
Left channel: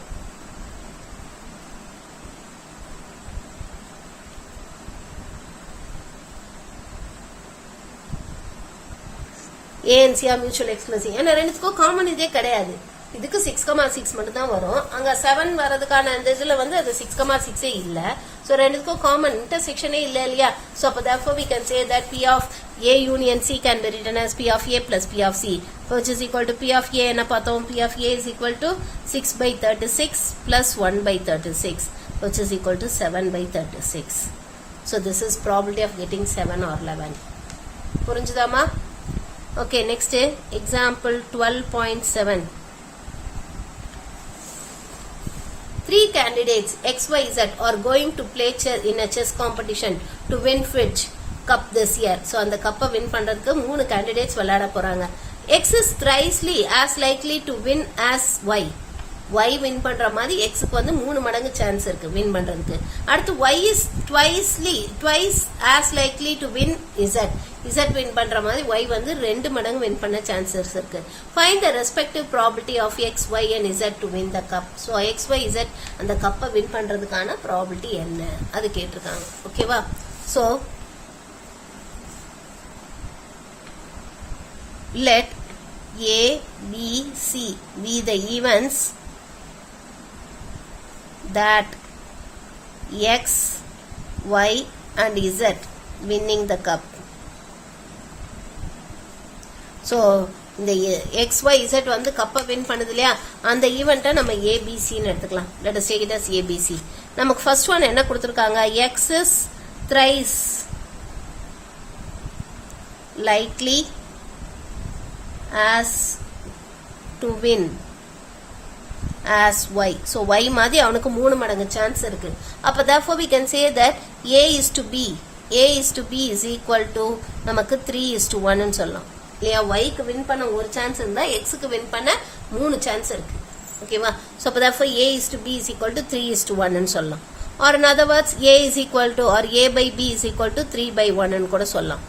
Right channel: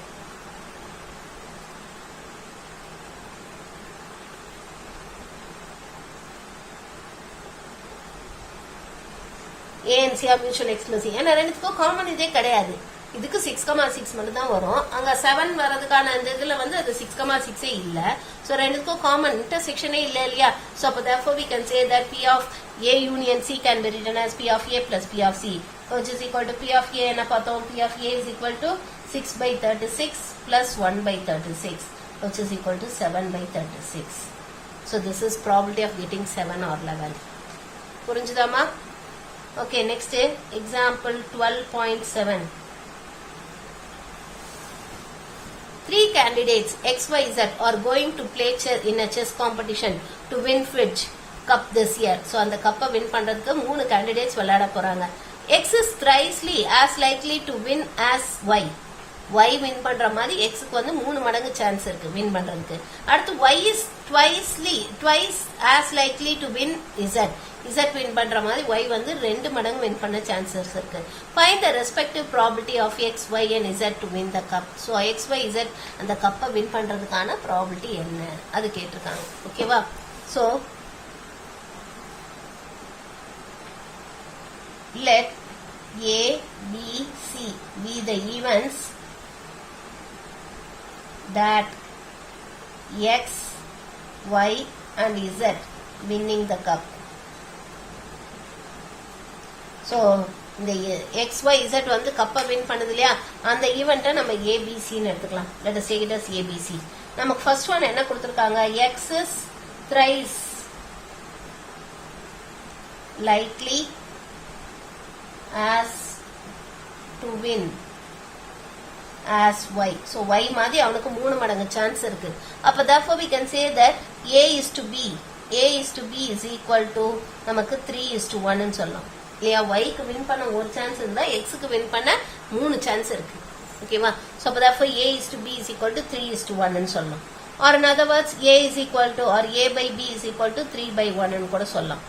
A and C are mutually exclusive. ஏன்னா ரெண்டுத்துக்கும் common இதே கிடையாது. இதுக்கு 6,6 மட்டும் தான் வரும். அங்க 7 வரதுக்கான அந்த இதுல வந்து அது 6,6 இல்ல. சோ ரெண்டுத்துக்கும் காமன் இன்டர்செக்ஷனே இல்ல இல்லையா? சோ அப்ப therefore we can say that P of A union C can be written as P of A plus P of C, which is equal to P of A என்ன பார்த்தோம்? P of A is equal to 6 by 36 plus 1 by 36, which is equal to 7 by 36. So this is probability of getting 7 or 11. புரிஞ்சுதாமா? Okay, next example 12.7. 3 candidates XYZ are going to play in a chess competition to win Fitch Cup this year. So அந்த கப்பை win பண்றதுக்கு 3 candidates விளையாட போறாங்க. X is precisely as likely to win as Y. y win பண்ற மாதிரி xக்கு வந்து 3 மடங்கு chance இருக்கு வின் பண்றதுக்கு. அடுத்து y is twice as likely to win z win பண்ற மாதிரி y வந்து 2 மடங்கு வின் பண்ண சான்சஸ் இருக்கு. Find the respective probability of x, y and z to win the cup. So x, y, z அந்த கப்பை வின் பண்றதுக்கான probability என்ன அது கேட்டிருக்காங்க. ஓகேவா? So let A, B, C be the events that x, y and z winning the cup. So இந்த x, y, z வந்து கப்பை வின் பண்ணுது இல்லையா, அந்த ஈவெண்ட்டை நம்ம ஏபிசின்னு எடுத்துக்கலாம். let us take it as ABC. நமக்கு ஃபர்ஸ்ட் ஒன் என்ன கொடுத்துருக்காங்க, x is thrice likely as to win as y. So y மாதிரி அவனுக்கு 3 மடங்கு சான்ஸ் இருக்கு. அப்ப therefore we can say that a is to b is equal to நமக்கு 3:1 ன்னு சொல்லலாம். இல்லையா, y க்கு வின் பண்ண ஒரு சான்ஸ் இருந்தா x க்கு வின் பண்ண 3 சான்ஸ் இருக்கு. ஓகேவா? So அப்ப therefore a is to b is equal to 3:1 ன்னு சொல்லலாம். Or in other words a is equal to or a by b is equal to 3/1 ன்னு கூட சொல்லலாம்.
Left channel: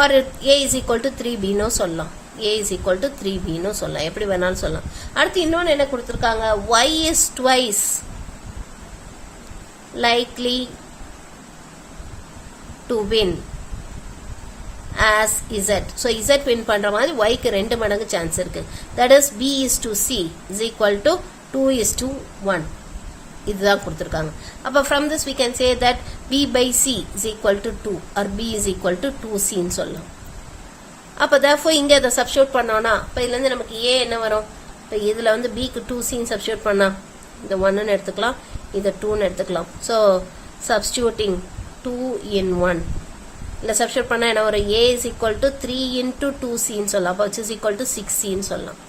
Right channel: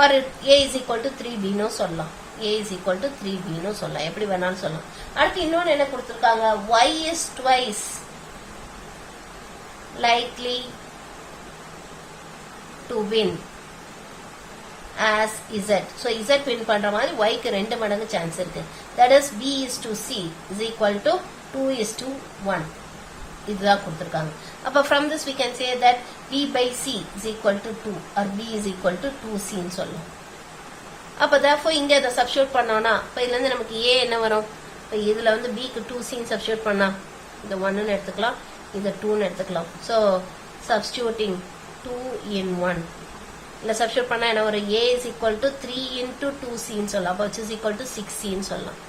Or a is equal to 3b ன்னு சொல்லலாம். a is equal to 3b ன்னு சொல்லலாம். எப்படி வேணாலும் சொல்லலாம். அடுத்து இன்னொன்னு என்ன கொடுத்திருக்காங்க, y is twice likely to win as z. So z win பண்ற மாதிரி y க்கு 2 மடங்கு சான்ஸ் இருக்கு. That is b is to c is equal to 2:1. இதுதான் கொடுத்திருக்காங்க. அப்ப from this we can say that b by c is equal to 2 or b is equal to 2c ன்னு சொல்லலாம். அப்ப therefore இங்க அதை சப்ஸ்டிட்யூட் பண்ணோம்னா இப்ப இதுல இருந்து நமக்கு a என்ன வரும், இப்ப இதுல வந்து b க்கு 2c ன்னு சப்ஸ்டிட்யூட் பண்ணா இந்த 1 ன்னு எடுத்துக்கலாம், இத 2 ன்னு எடுத்துக்கலாம். So substituting 2 in 1 இல்ல சப்ஸ்டிட்யூட் பண்ணா என்ன வரும், a is equal to 3 into 2c ன்னு சொல்லலாம். அப்ப which is equal to 6c ன்னு சொல்லலாம்.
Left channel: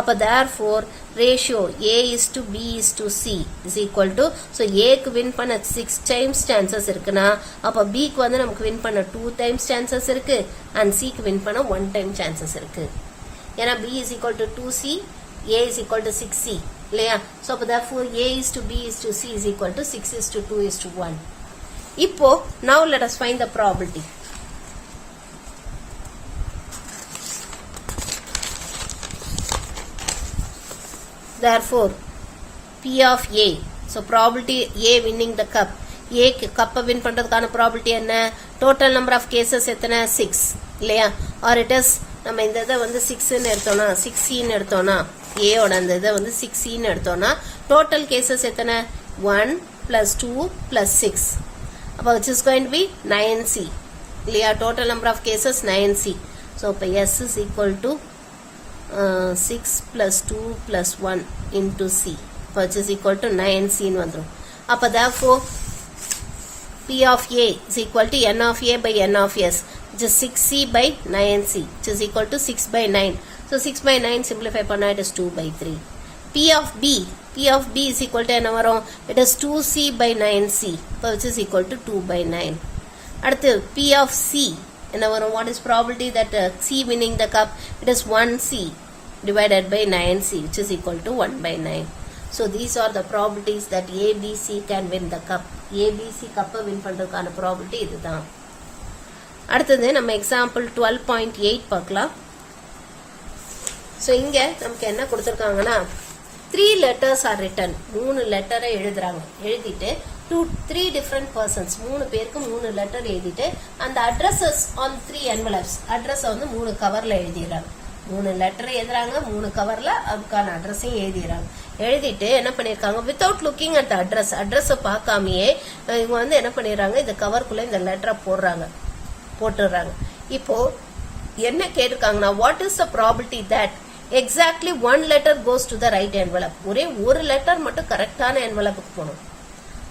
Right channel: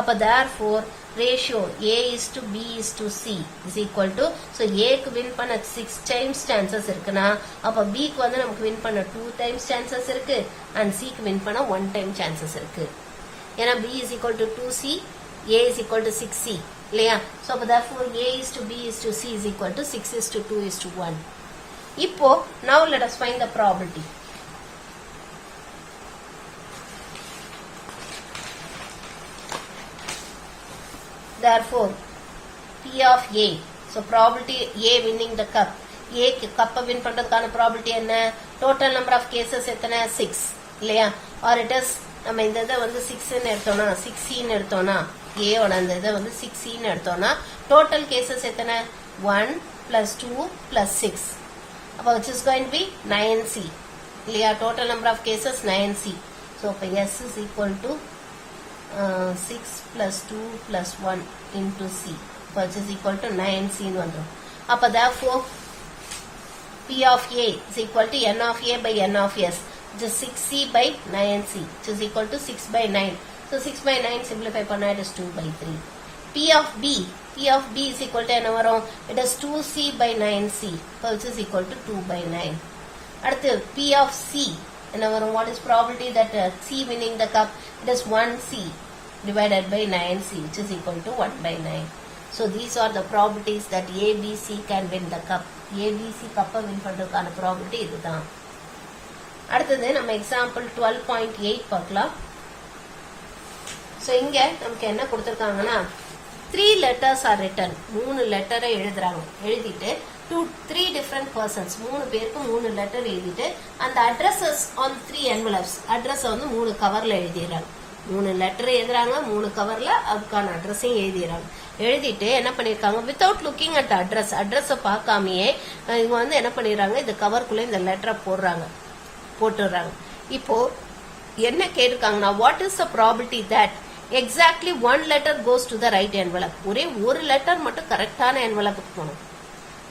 அப்ப therefore ratio a is to b is to c is equal to, so a க்கு win பண்ண 6 times chances இருக்குனா அப்ப b க்கு வந்து நமக்கு win பண்ண 2 times chances இருக்கு and c க்கு win பண்ண 1 time chances இருக்கு. ஏனா b is equal to 2c, a is equal to 6c இல்லையா. so அப்ப therefore a is to b is to c is equal to 6 is to 2 is to 1. இப்போ now let us find the probability. Therefore P of A, so probability A winning the cup, A கப்பை win பண்றதுக்கான probability என்ன, total number of cases எத்தனை 6 இல்லையா. or it is நம்ம இந்த இதை வந்து 6 ன்னு எடுத்தோம்னா 6c ன்னு எடுத்தோம்னா A ஓட அந்த இதை வந்து 6c ன்னு எடுத்தோம்னா total cases எத்தனை 1 plus 2 plus 6, அப்ப which is going to be 9c இல்லையா. total number of cases 9c. so அப்ப S is equal to 6 plus 2 plus 1 into c, which is equal to 9c ன்னு வந்துரும். அப்ப therefore P of A is equal to n of A by n of S, which is 6c by 9c, which is equal to 6 by 9. So 6 by 9 simplify பண்ணா it is 2 by 3. P of B is equal to என்ன வரும், it is 2c by 9c, which is equal to 2 by 9. அடுத்து P of C என்ன வரும், what is probability that C winning the cup, it is 1c divided by 9c, which is equal to 1 by 9. So these are the probabilities that ABC can win the cup. ABC கப்பை win பண்றதுக்கான probability இதுதான். அடுத்தது நம்ம example 12.8 பார்க்கலாம். So இங்க நமக்கு என்ன கொடுத்திருக்காங்கன்னா 3 letters are written, 3 லெட்டரை எழுதுறாங்க. எழுதிட்டு 3 different persons, 3 பேருக்கு 3 லெட்டர் எழுதிட்டு அந்த addresses on 3 envelopes, address வந்து 3 கவர்ல எழுதிடுறாங்க. 3 லெட்டர் எழுதுறாங்க, 3 கவர்ல அதுக்கான அட்ரஸையும் எழுதிடுறாங்க. எழுதிட்டு என்ன பண்ணிருக்காங்க, வித்தவுட் லுக்கிங் அட் அட்ரஸ், அட்ரஸை பார்க்காமயே இவங்க வந்து என்ன பண்ணிடுறாங்க, இந்த கவருக்குள்ள இந்த லெட்டரை போட்டுடுறாங்க. இப்போ என்ன கேட்டிருக்காங்கன்னா, what is the probability that exactly 1 letter goes to the right envelope, ஒரே ஒரு லெட்டர் மட்டும் கரெக்டான என்வலப்புக்கு போகணும்,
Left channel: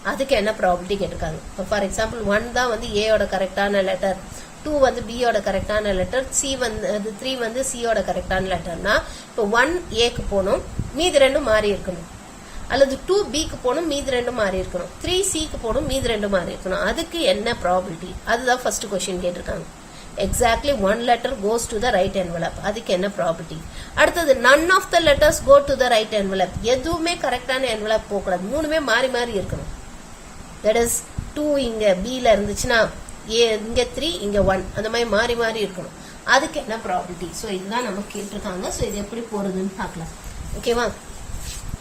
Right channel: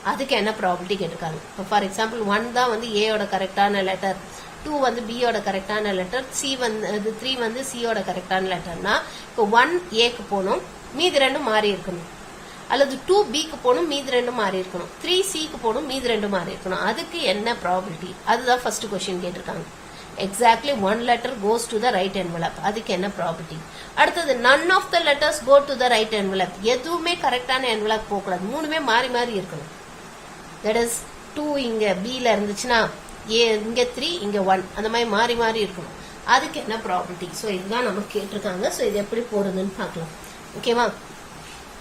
அதுக்கு என்ன ப்ராபபிலிட்டி கேட்டிருக்காங்க. இப்போ ஃபார் எக்ஸாம்பிள் 1 தான் வந்து ஏயோட கரெக்டான லெட்டர், 2 வந்து பியோட கரெக்டான லெட்டர், 3 வந்து சியோட கரெக்டான லெட்டர்னா இப்போ 1 ஏக்கு போகணும், மீதி 2 மாறி இருக்கணும். அல்லது 2 பிக்கு போகணும், மீதி 2 மாறி இருக்கணும். 3 சிக்கு போகணும், மீதி 2 மாறி இருக்கணும். அதுக்கு என்ன ப்ராபபிலிட்டி, அதுதான் ஃபர்ஸ்ட் கொஸ்டின் கேட்டிருக்காங்க. exactly one letter goes to the right envelope. அதுக்கு என்ன ப்ராபர்ட்டி? அடுத்தது none of the letters go to the right envelope. எதுவுமே கரெக்டான envelope போகக்கூடாது, மூணுமே மாறி மாறி இருக்கணும். that is 2 இங்க B ல இருந்துச்சுன்னா A இங்க 3 இங்க 1 அந்த மாதிரி மாறி மாறி இருக்கணும். அதுக்கு என்ன ப்ராபர்ட்டி? ஸோ இதுதான் நம்ம கேட்டிருக்காங்க. ஸோ இது எப்படி போடுறதுன்னு பார்க்கலாம். ஓகேவா?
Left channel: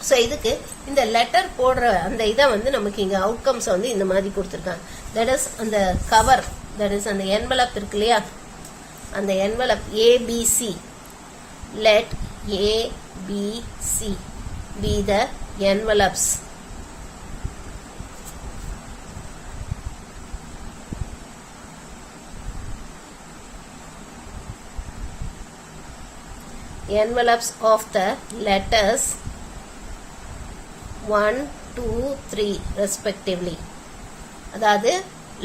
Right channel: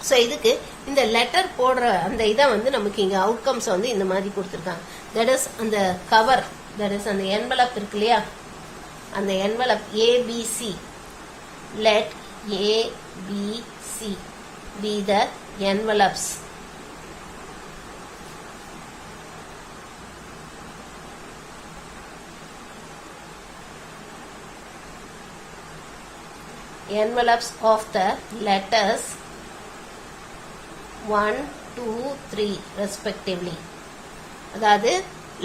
ஸோ இதுக்கு இந்த லெட்டர் போடுற அந்த இதை வந்து நமக்கு இங்க அவுட்கம்ஸ் வந்து இந்த மாதிரி கொடுத்துருக்காங்க. தட் இஸ் அந்த கவர், தட் இஸ் அந்த என்வலப் இருக்கு இல்லையா, அந்த envelope ABC, let ABC be the envelopes of the letters 1, 2, 3 respectively. அதாவது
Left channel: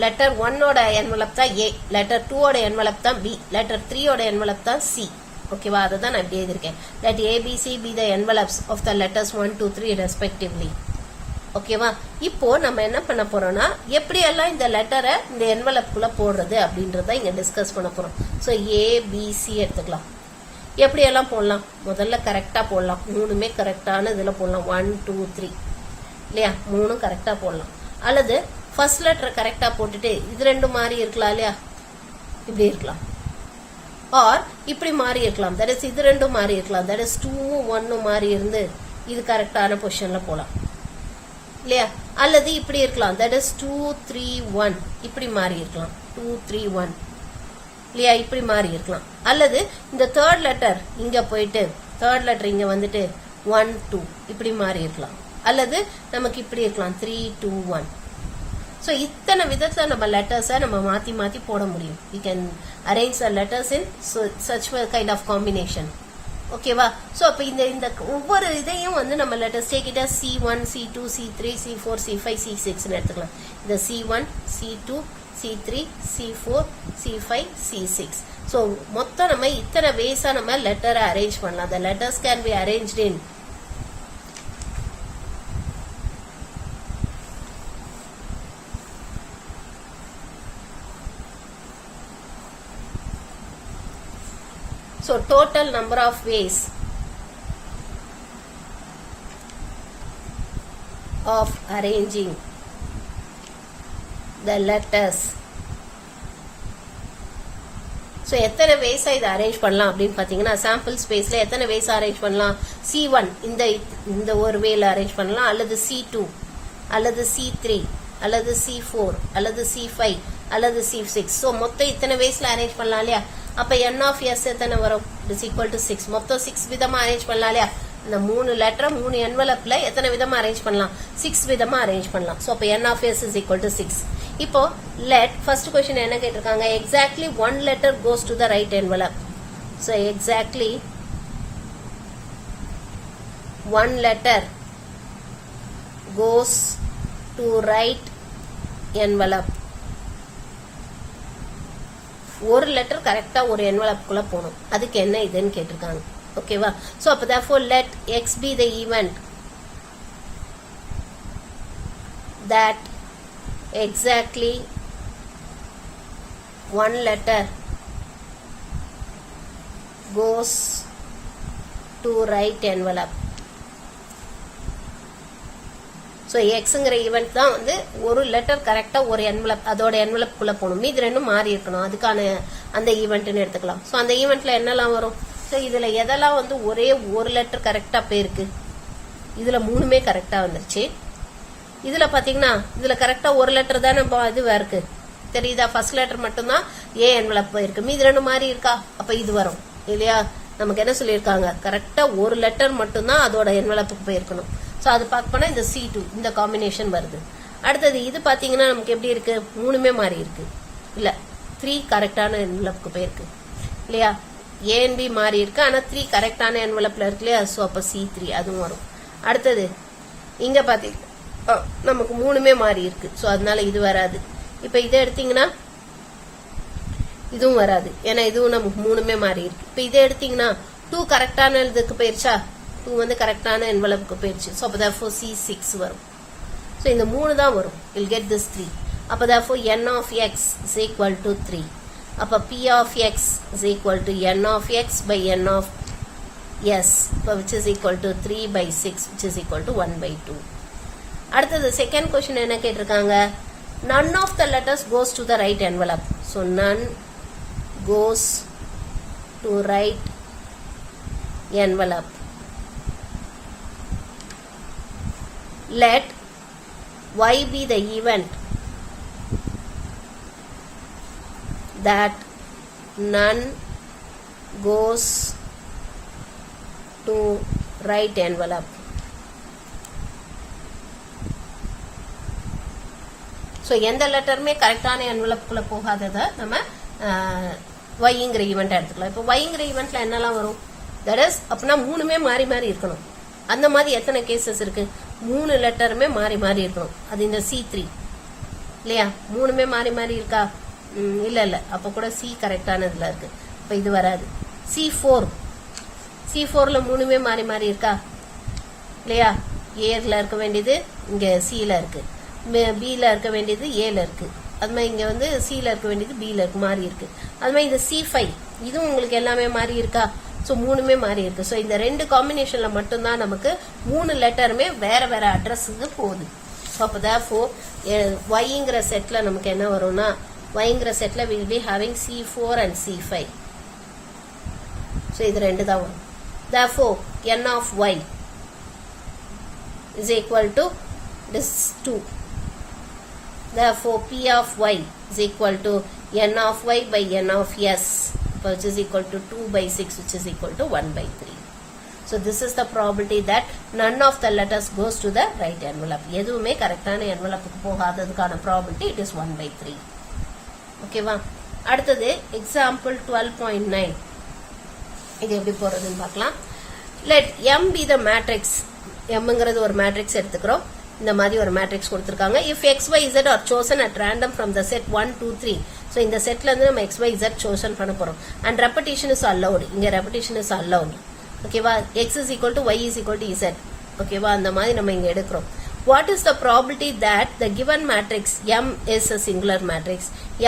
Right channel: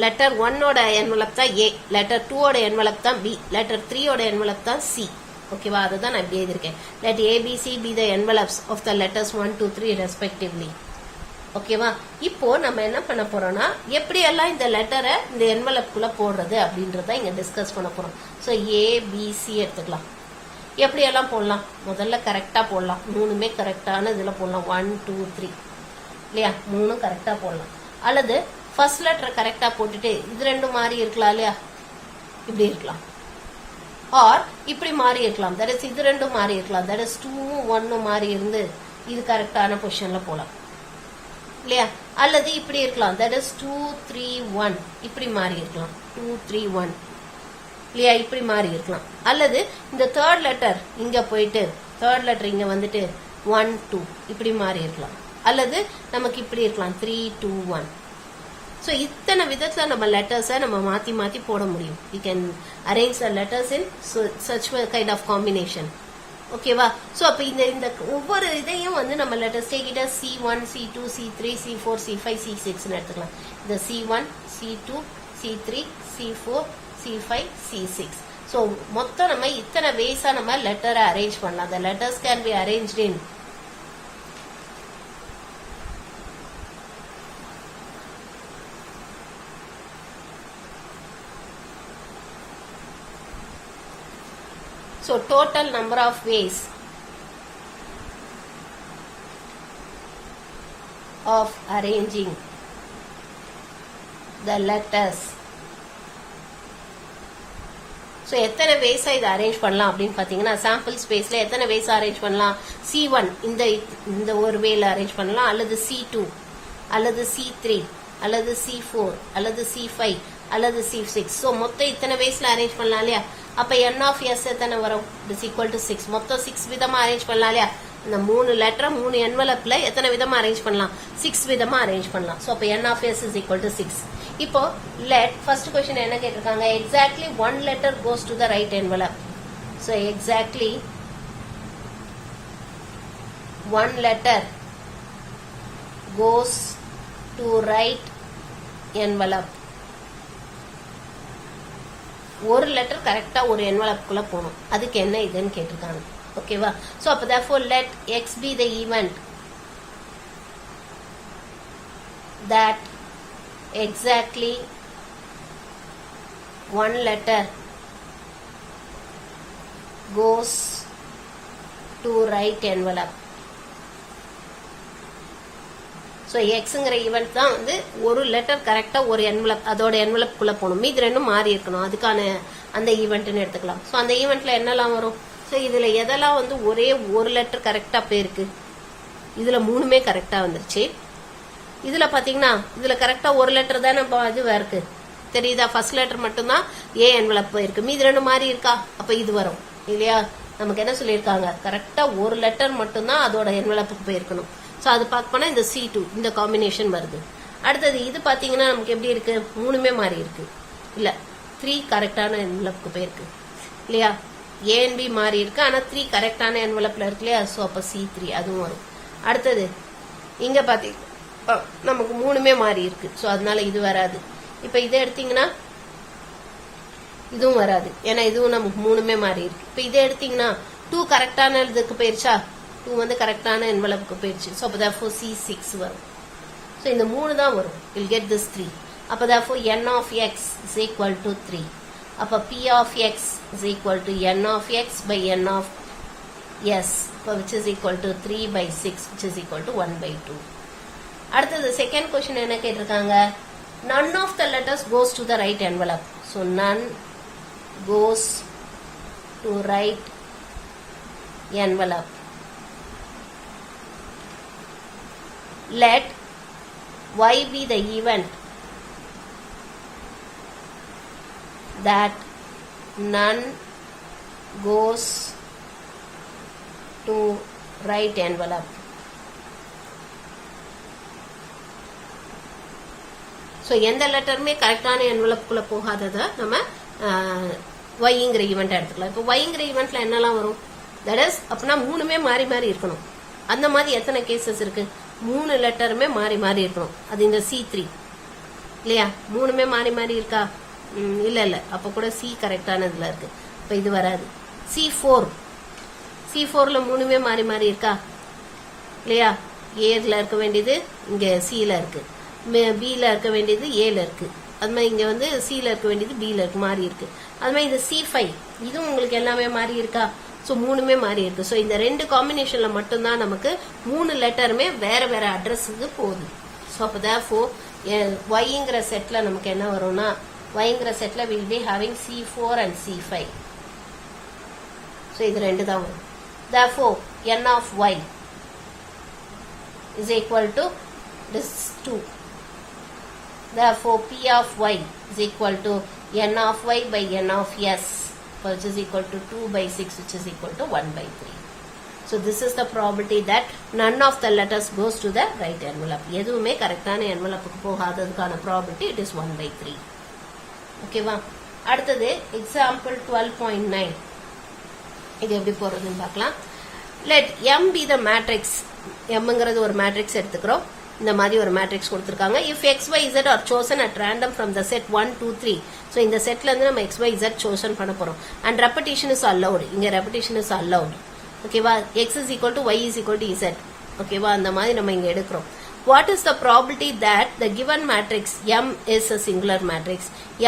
letter 1 ஓட envelope தான் A, letter 2 ஓட envelope தான் B, letter 3 ஓட envelope தான் C. ஓகேவா? அதுதான் நான் இப்படி எழுதியிருக்கேன். Let ABC be the envelopes of the letters 1, 2, 3 respectively. ஓகேவா? இப்போ நம்ம என்ன பண்ண போறோம்னா எப்படி எல்லாம் இந்த லெட்டரை இந்த envelope-குள்ள போடுறது அப்படின்றத இங்க டிஸ்கஸ் பண்ண போறோம். ஸோ ABC எடுத்துக்கலாம். எப்படி எல்லாம் போடலாம்? முதல்ல கரெக்டா போடலாம், மூணுமே கரெக்டான இதுல போடலாம். 1, 2, 3 இல்லையா, மூணும் கரெக்டா போடலாம். அல்லது ஃபர்ஸ்ட் லெட்டர் கரெக்டா போட்டுட்டு இது ரெண்டும் மாறி இருக்கலாம் இல்லையா, இப்படி இருக்கலாம். ஆர் இப்படி மாறி இருக்கலாம், தட் இஸ் இது ரெண்டும் மாறி இருக்கலாம், தட் இஸ் 2ம் 1ம் மாறி இருந்து இது கரெக்டான பொசிஷன்ல போலாம் இல்லையா. அல்லது இப்படி இருக்கலாம், தட் இஸ் 2, 3, 1 இப்படி மாறி இருக்கலாம், 2, 3, 1 இல்லையா, இப்படி மாறி இருக்கலாம். அல்லது இந்த தேர்ட் லெட்டர் இங்க போயிட்டு தேர்ட் லெட்டர் இங்க வந்துட்டு 1, 2 இப்படி மாறி இருக்கலாம். அல்லது நமக்கு இப்படி இருக்கலாம் 3, 2, 1. ஸோ இத்தனை விதத்துல நம்ம லெட்டர்ஸை நம்ம மாத்தி மாத்தி போட முடியும். we can arrange the letters in such kind of combination. ஓகேவா? ஸோ அப்ப இந்த ஒவ்வொரு இதையும் வந்து நம்ம letters கேக்கிட்ட C1, C2, C3, C4, C5, C6 எடுத்துக்கலாம். இந்த C1, C2, C3, C4, C5, C6. So மொத்தம் நம்ம இத்தனை வேஸா நம்ம லெட்டரை அரேஞ்ச் பண்ணலாம். The letters can be arranged in so total number of ways of arranging the letters. So எத்தனை வேஸா இதை அரேஞ்ச் பண்ணலாம் அப்படின்னு பார்த்தீங்கன்னா, சாம்பிள் ஸ்பேஸ்ல எத்தனை வேஸா அரேஞ்ச் பண்ணலாம்? C1 இந்த ஒரு வேல அரேஞ்ச் பண்ணலாம், அல்லது C2, அல்லது C3, அல்லது C4, அல்லது C5, அல்லது C6. ஸோ மொத்தம் இத்தனை வேஸ்ல அரேஞ்ச் பண்ணலாம் இல்லையா. அப்ப n of s எத்தனை வரும்? Is equal to 6. மொத்தம் 6 விதமா அரேஞ்ச் பண்ணலாம் இல்லையா. இந்த 3 லெட்டர் 3 என்வலப்ல எத்தனை விதமா அரேஞ்ச் பண்ணலாம்? 6 விதமா அரேஞ்ச் பண்ணலாம். ஸோ அப்ப n of s is equal to 6. இப்போ லெட் ஃபர்ஸ்ட் क्वेश्चन என்ன கேட்டிருக்காங்க? Exactly 1 letter goes to the right envelope. So exactly 1 letter goes to right envelope. ஒரு லெட்டர் கரெக்டா ஒரு என்வலப்குள்ள போகணும். அதுக்கு என்ன இதுன்னு கேட்டிருக்காங்க. ஓகேவா? சோ அப்ப therefore let x be the event that exactly one letter goes to right envelope. So எக்ஸுங்கிற ஈவெண்ட் தான் வந்து ஒரு லெட்டர் கரெக்டா ஒரு என்வலப் அதோட என்வலப் குள்ள போகணும், மீது ரெண்டும் மாறி இருக்கணும், அதுக்கான அந்த ஈவெண்ட்னு எடுத்துக்கலாம். ஸோ அந்த ஈவெண்ட்ல என்னெல்லாம் வரும்? ஸோ இதுல எதெல்லாம் வந்து ஒரே ஒரு லெட்டர் கரெக்டா போயிருக்கு? இதுல 3மே கரெக்டா வந்துருச்சு. இதுல பாத்தீங்கன்னா இதுல கரெக்டா ஒரு லெட்டர் தானே இது இருக்கு, தெரியுதா? ஃபர்ஸ்ட் லெட்டர் மட்டும்தான் ஏ என்வலப் போயிருக்கு, மீது ரெண்டும் மாறி இருக்கா, அப்ப இது வரும் இல்லையா. நமக்கு என்ன சொல்லியிருக்காங்க? கரெக்டா ஒரு லெட்டர் மட்டும்தான் அதோட என்வலப்புக்கு போயிருக்கணும். ஸோ அது பார்க்கணும்னா இந்த C2 இந்த காம்பினேஷன் வருது. அடுத்தது இது பாத்தீங்கன்னா நமக்கு எப்படி இருக்கு? 3மே மாறி இருக்கு இல்ல, 3 கரெக்டான என்வலப்புக்கு போயிருக்கு இல்லையா. A and B மாறி இருக்கு, ஆனா 3 கரெக்டான என்வலப்ல இருக்கு இல்லையா. ஸோ அப்ப C3 அதுவும் வரும். அடுத்தது இங்க பாத்தீங்கன்னா நமக்கு 3மே மாறி இருக்கு, ஸோ அதனால இது வராது. இப்ப இதை எடுத்தீங்கன்னா இதுவும் வராது, ஏன்னா இதுவும் நமக்கு 3மே மாறி இருக்கு. இப்ப இதை எடுத்தீங்கன்னா 2 கரெக்டான இதுக்கு போயிருச்சா, 2 வந்து கரெக்டான என்வலப்புக்கு போயிருச்சு. ஸோ அப்போ therefore C6 வரும். ஸோ இந்த 3 தான் வரும். Will get this 3. அப்போ therefore n of x is equal to 3. அப்போ P of x is equal to n of x by n of s, which is equal to 3 by 6, which is equal to 1 by 2. அடுத்தது second question என்ன கேட்டிருக்காங்க, none of the letters goes to the right envelope. So none goes to right envelope. Let y be the event that none goes to right envelope. So எந்த லெட்டருமே கரெக்டான என்வலப்புக்குள்ளே போகாததை நம்ம ஒய்ங்கிற ஈவெண்ட்டாக எடுத்துக்கலாம். இப்போ ஒய்ங்கிற ஈவெண்ட்டில் என்னெல்லாம் வரும், தட் இஸ் அப்படின்னா மூணுமே மாறி மாறி இருக்கணும். அந்த மாதிரி எத்தனை கேசஸ் இருக்கு, 3 லெட்டருமே மாறி மாறி இருக்கணும். அது இந்த C3 இல்லையா, மூணுமே மாறி மாறி இருக்கா, இல்லை அப்போ கூட சி கரெக்டானதுல இருக்கு. இப்போ இது வராது. C4ல மூணுமே மாறி மாறி இருக்கா இல்லையா, ஏல இருக்க வேண்டியது இங்க சில இருக்கு, பில இருக்க வேண்டியது ஏல இருக்கு, அது மாதிரி இங்க வந்து சில இருக்க வேண்டியது பில இருக்கு, மாறி இருக்கு. அது மாதிரி இந்த C5 இதுவும் உங்களுக்கு எல்லாமே மாறி இருக்கா, ஸோ மூணுமே மாறி இருக்கு. ஸோ இந்த 2 காம்பினேஷன்ல மட்டும்தான் நமக்கு 3 லெட்டருமே வேற வேற அட்ரஸுக்கு போகுது. ஸோ அப்போ therefore ஒய்ங்கிற செட்ல நமக்கு என்ன வரும்னா, ஒய்ங்கிற செட்ல will be having C4 and C5. So இது 2 தான் வரும். therefore n of y is equal to this 2. Therefore, P of y is equal to n of y by n of s, which is equal to 2 by 6, which is equal to 1 by 3. So, this is the probability that none of the letters goes to the right envelope. எதுவுமே கரெக்டான envelope போகாததுக்கான probability it is 1 by 3. ஓகேவா? அடுத்தது example 12.9. இது எப்படி போறதுன்னு பார்க்கலாம். Let M be the matrix. Mங்கிறது ஒரு matrix எடுத்துக்கிறோம். இந்த மாதிரி ஒரு மேட்ரிக்ஸ் கொடுத்திருக்காங்க. If x, y, z are chosen at random from the set 1, 2, 3. So இந்த செட்ல இருந்து நம்ம x, y, z chosen பண்ண போறோம். And repetition is allowed. இங்க repetition is allowed. ஓகேவா? x is equal to y is equal to z. ஓகேவா? அந்த மாதிரி நம்ம இங்க எடுக்கிறோம். What is the probability that the given matrix M is a singular matrix?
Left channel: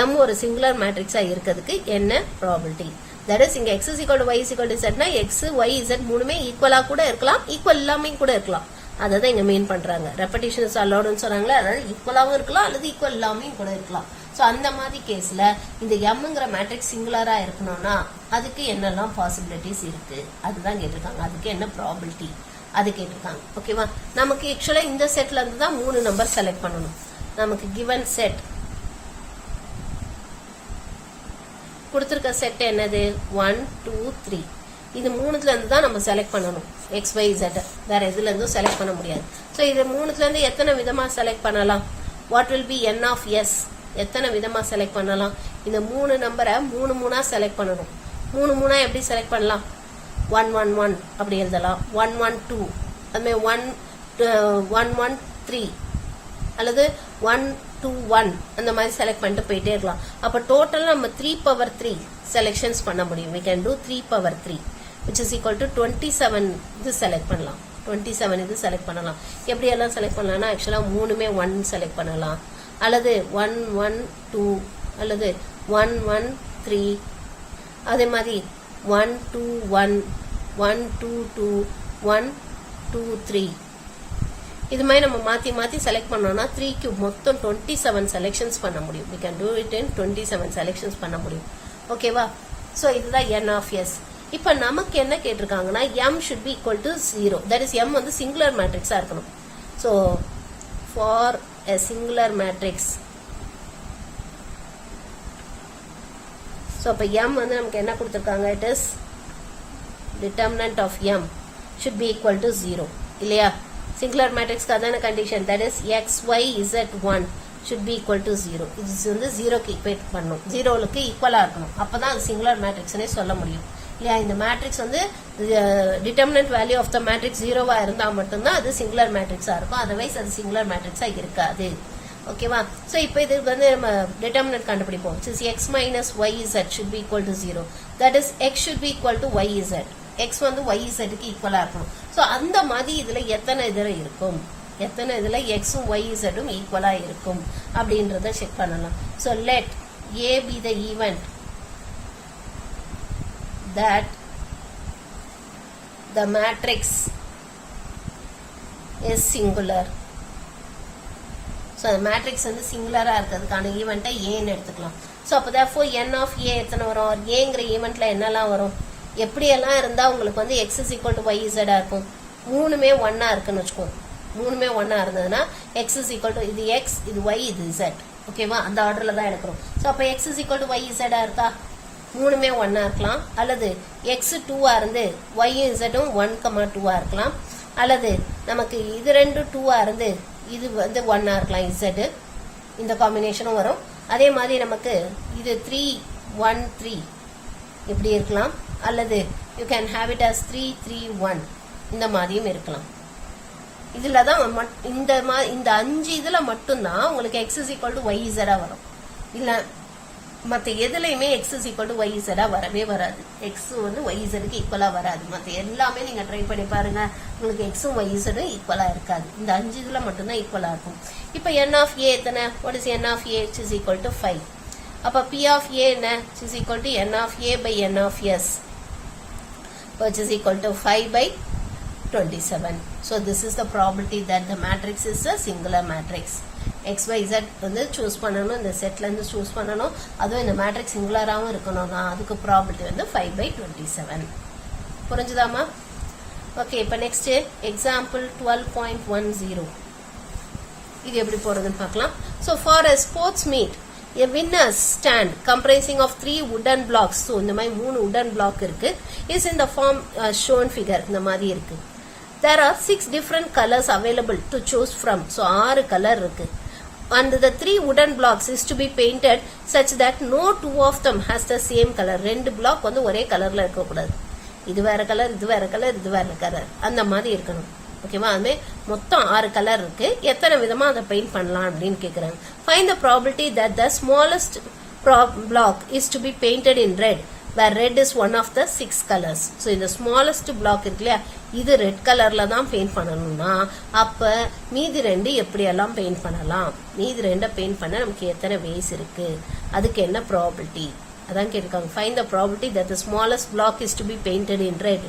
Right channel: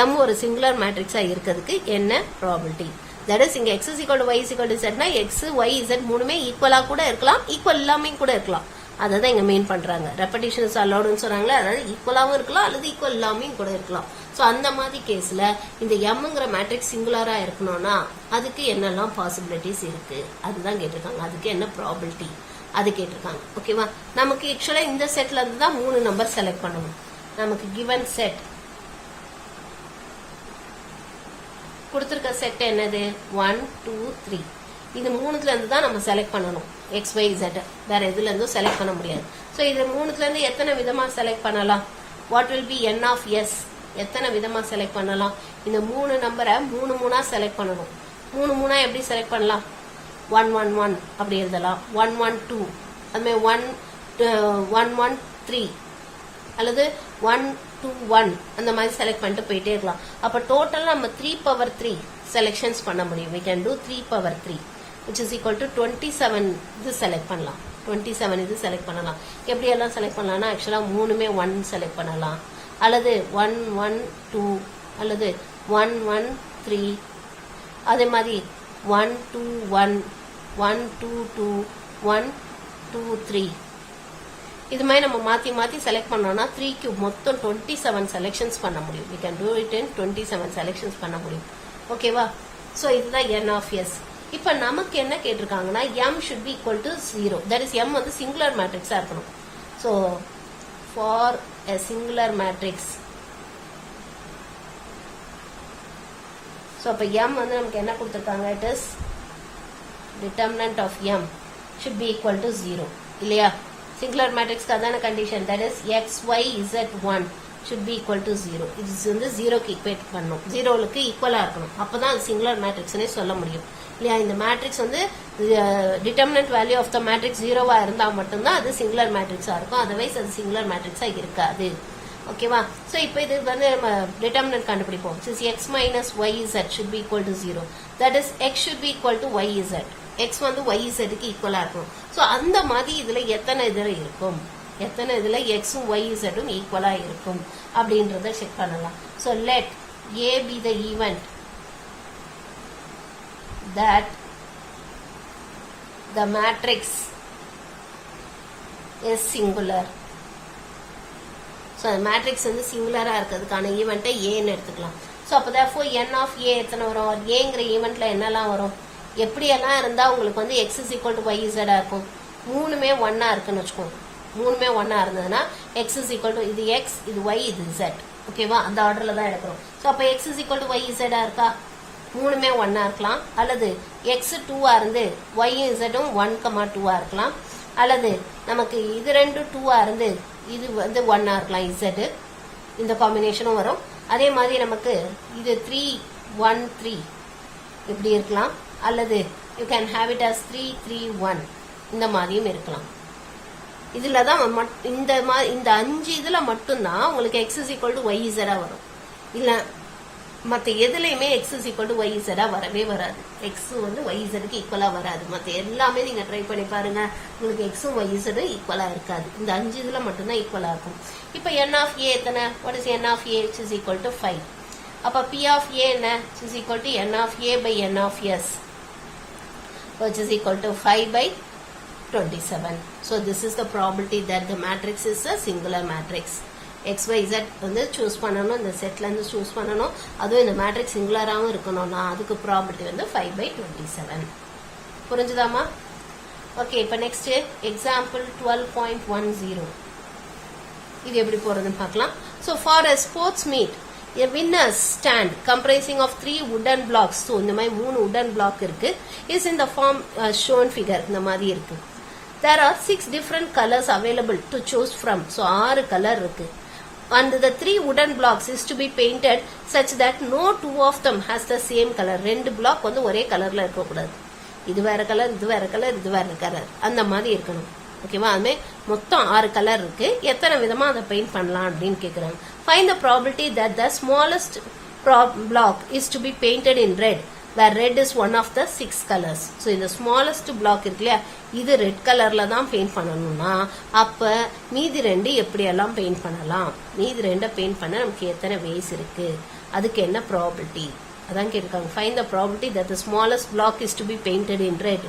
M ஒரு singular matrix இருக்கிறதுக்கு என்ன probability? That is இங்க x is equal to y is equal to z னா x, y, z மூணுமே ஈக்குவலா கூட இருக்கலாம், equal இல்லாம கூட இருக்கலாம். அதான் இங்க மீன் பண்றாங்க. ரெப்படிஷன் இஸ் அலௌட்னு சொல்றாங்களே, அதாவது ஈக்குவலாவும் இருக்கலாம் அல்லது ஈக்குவல் இல்லாமையும் கூட இருக்கலாம். சோ அந்த மாதிரி கேஸ்ல இந்த எம்ங்கிற மேட்ரிக்ஸ் சிங்குலரா இருக்கணும்னா அதுக்கு என்னெல்லாம் பாசிபிலிட்டிஸ் இருக்கு அதுதான் கேட்டிருக்காங்க. அதுக்கு என்ன ப்ராபபிலிட்டி அது கேட்டிருக்காங்க. ஓகேவா? நமக்கு ஆக்சுவலா இந்த செட்ல இருந்து தான் 3 நம்பர் செலக்ட் பண்ணணும். நமக்கு கிவன் செட் கொடுத்திருக்க செட் என்னது, 1, 2, 3. இது 3ல இருந்து தான் நம்ம செலக்ட் பண்ணணும். எக்ஸ், ஒய், இசட் வேற எதுல இருந்தும் செலக்ட் பண்ண முடியாது. ஸோ இது 3ல இருந்து எத்தனை விதமா செலக்ட் பண்ணலாம், what will be n of s, எத்தனை விதமா செலக்ட் பண்ணலாம். இந்த 3 நம்பரை 3 செலக்ட் பண்ணணும். 3 எப்படி செலக்ட் பண்ணலாம், 1, 1, 1 அப்படி எழுதலாம், 1, 1, 2 அதுமாதிரி 1, 1, 3 அல்லது 1, 2, 1 அந்த மாதிரி செலக்ட் பண்ணிட்டு போயிட்டே இருக்கலாம். அப்போ டோட்டல் நம்ம 3/3 செலெக்ஷன்ஸ் பண்ண முடியும். we can do 3/3 which is equal to 27 இது செலக்ட் பண்ணலாம். 27 இது செலக்ட் பண்ணலாம். எப்படி எல்லாம் செலக்ட் பண்ணலாம்னா ஆக்சுவலா 3மே 1 செலக்ட் பண்ணலாம், அல்லது 1, 1, 2 அல்லது 1, 1, 3 அதே மாதிரி 1, 2, 1, 1, 2, 2, 1, 2, 3 இது மாதிரி நம்ம மாத்தி மாத்தி செலக்ட் பண்ணோம்னா 3க்கு மொத்தம் 27 செலக்ஷன்ஸ் பண்ண முடியும். we can do it in 27 selections பண்ண முடியும். ஓகேவா? சோ இதுதான் n of s. இப்ப நமக்கு என்ன கேட்டிருக்காங்கன்னா m should be equal to 0. that is m வந்து சிங்குலர் மேட்ரிக்ஸா இருக்கணும். so for a singular matrix, so அப்ப m வந்து நமக்கு என்ன கொடுத்திருக்காங்க, it is determinant of m should be equal to 0 இல்லையா? சிங்குலர் மேட்ரிக்ஸ்க்கு அதான condition, that is x, y, z 1 should be equal to 0. இது வந்து 0க்கு ஈக்குவேட் பண்ணணும், 0க்கு ஈக்குவலா இருக்கணும். அப்பதான் அது சிங்குலர் மேட்ரிக்ஸ்னே சொல்ல முடியும் இல்லையா? இந்த மேட்ரிக்ஸ் வந்து determinant value of the matrix 0வா இருந்தா மட்டும்தான் அது சிங்குலர் மேட்ரிக்ஸா இருக்கும், அதர்வைஸ் அது சிங்குலர் மேட்ரிக்ஸா இருக்காது. ஓகேவா? சோ இப்போ இது வந்து நம்ம டிட்டர்மினன்ட் கண்டுபிடிப்போம். x minus y z should be equal to 0. that is x should be equal to y z. x வந்து y zக்கு ஈக்குவலா இருக்கும். சோ அந்த மாதிரி இதுல எத்தனை இதுல இருக்கும், எத்தனை இதுல எக்ஸும் y zம் ஈக்குவலா இருக்கும் அப்படின்றத செக் பண்ணலாம். So let a be the event that the matrix is singular. So the matrix வந்து சிங்குலரா இருக்கிறதுக்கான ஈவெண்ட்டை ஏன்னு எடுத்துக்கலாம். ஸோ அப்போ therefore n of a எத்தனை வரும்? ஏங்கிற ஈவெண்ட்ல என்னெல்லாம் வரும்? எப்படியெல்லாம் இருந்தால் உங்களுக்கு வந்து x is equal to y z இருக்கும்? மூணுமே ஒன்னா இருக்குன்னு வச்சுக்கோங்க. மூணுமே ஒன்னா இருந்ததுன்னா x is equal to இது x, இது y, இது z. ஓகேவா? அந்த ஆர்டர்ல தான் எடுக்கிறோம். ஸோ அப்போ x is equal to y z இருக்கா? மூணுமே ஒன்னா இருக்கலாம். அல்லது x 2 இருந்து y z 1,2 இருக்கலாம். அல்லது நமக்கு இது ரெண்டு 2 இருந்து இது வந்து 1 இருக்கலாம் z. இந்த காம்பினேஷனும் வரும். அதே மாதிரி நமக்கு இது 3 1 3 இப்படி இருக்கலாம். அல்லது you can have it as 3 3 1 இந்த மாதிரியும் இருக்கலாம். இதுல தான் இந்த 5 இதுல மட்டும்தான் உங்களுக்கு x is equal to y z வரும். இல்ல மற்ற எதுலையுமே x is equal to y z வரவே வராது. x வந்து y z க்கு ஈக்குவலா வராது. மற்ற எல்லாமே நீங்க ட்ரை பண்ணி பாருங்க, உங்களுக்கு x y z ஈக்குவலா இருக்காது. இந்த 5 இதுல மட்டும்தான் ஈக்குவலா இருக்கும். இப்போ n of a எத்தனை? what is n of a? which is equal to 5. அப்ப p of a என்ன? which is equal to n of a by n of s, which is equal to 5 by 27. So this is the probability that the matrix is a singular matrix. x y z வந்து choose பண்ணணும், இந்த செட்ல இருந்து choose பண்ணணும். அதுவும் இந்த matrix சிங்குலராகவும் இருக்கணும்னா அதுக்கு ப்ராபபிலிட்டி வந்து 5 by 27. புரிஞ்சுதாமா? ஓகே, இப்போ நெக்ஸ்ட் எக்ஸாம்பிள் 12.10. இது எப்படி போறதுன்னு பார்க்கலாம். So for a sports meet, a winner's stand comprising of 3 wooden blocks. So இந்த மாதிரி 3 wooden block இருக்கு. is in the form shown figure. இந்த மாதிரி இருக்கு. There are 6 different colors available to choose from. So 6 colour இருக்கு. And the 3 wooden blocks is to be painted such that no 2 of them has the same color. 2 block வந்து ஒரே கலர்ல இருக்க கூடாது. இது வேற கலர், இது வேற கலர், இது வேற கலர், அந்த மாதிரி இருக்கணும். ஓகேவா? அதுமே மொத்தம் 6 கலர் இருக்கு. எத்தனை விதமா அதை பெயிண்ட் பண்ணலாம் அப்படின்னு கேக்குறாங்க. Find the probability that the smallest block is to be painted in red, where red is one of the 6 colors. So இந்த smallest block இருக்கு இல்லையா, இது ரெட் கலர்ல தான் பெயிண்ட் பண்ணணும்னா அப்ப மீதி ரெண்டு எப்படி எல்லாம் பெயிண்ட் பண்ணலாம்? மீதி ரெண்ட பெயிண்ட் பண்ண நமக்கு எத்தனை வேஸ் இருக்கு? அதுக்கு என்ன ப்ராபபிலிட்டி? அதான் கேட்டிருக்காங்க. Find the probability that the smallest block is to be painted in red.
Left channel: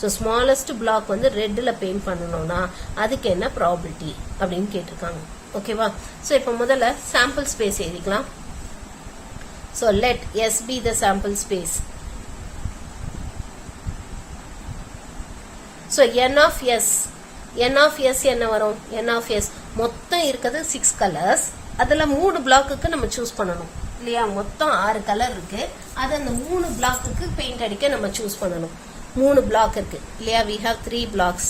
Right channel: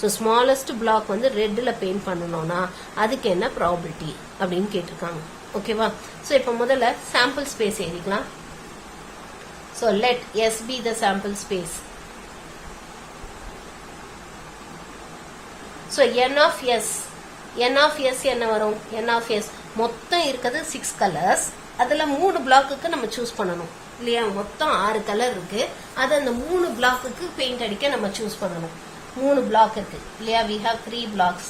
So smallest block வந்து ரெட்ல பெயிண்ட் பண்ணணும்னா அதுக்கு என்ன ப்ராபபிலிட்டி அப்படின்னு கேட்டிருக்காங்க. ஓகேவா? ஸோ இப்போ முதல்ல சாம்பிள் ஸ்பேஸ் எழுதிக்கலாம். So let S be the sample space. So n of s என்ன வரும்? n of s மொத்தம் இருக்கிறது 6 கலர்ஸ். அதுல 3 பிளாக்குக்கு நம்ம சூஸ் பண்ணணும் இல்லையா? மொத்தம் 6 கலர் இருக்கு. அது அந்த 3 பிளாக்குக்கு பெயிண்ட் அடிக்க நம்ம சூஸ் பண்ணணும். 3 பிளாக் இருக்கு இல்லையா? we have 3 blocks.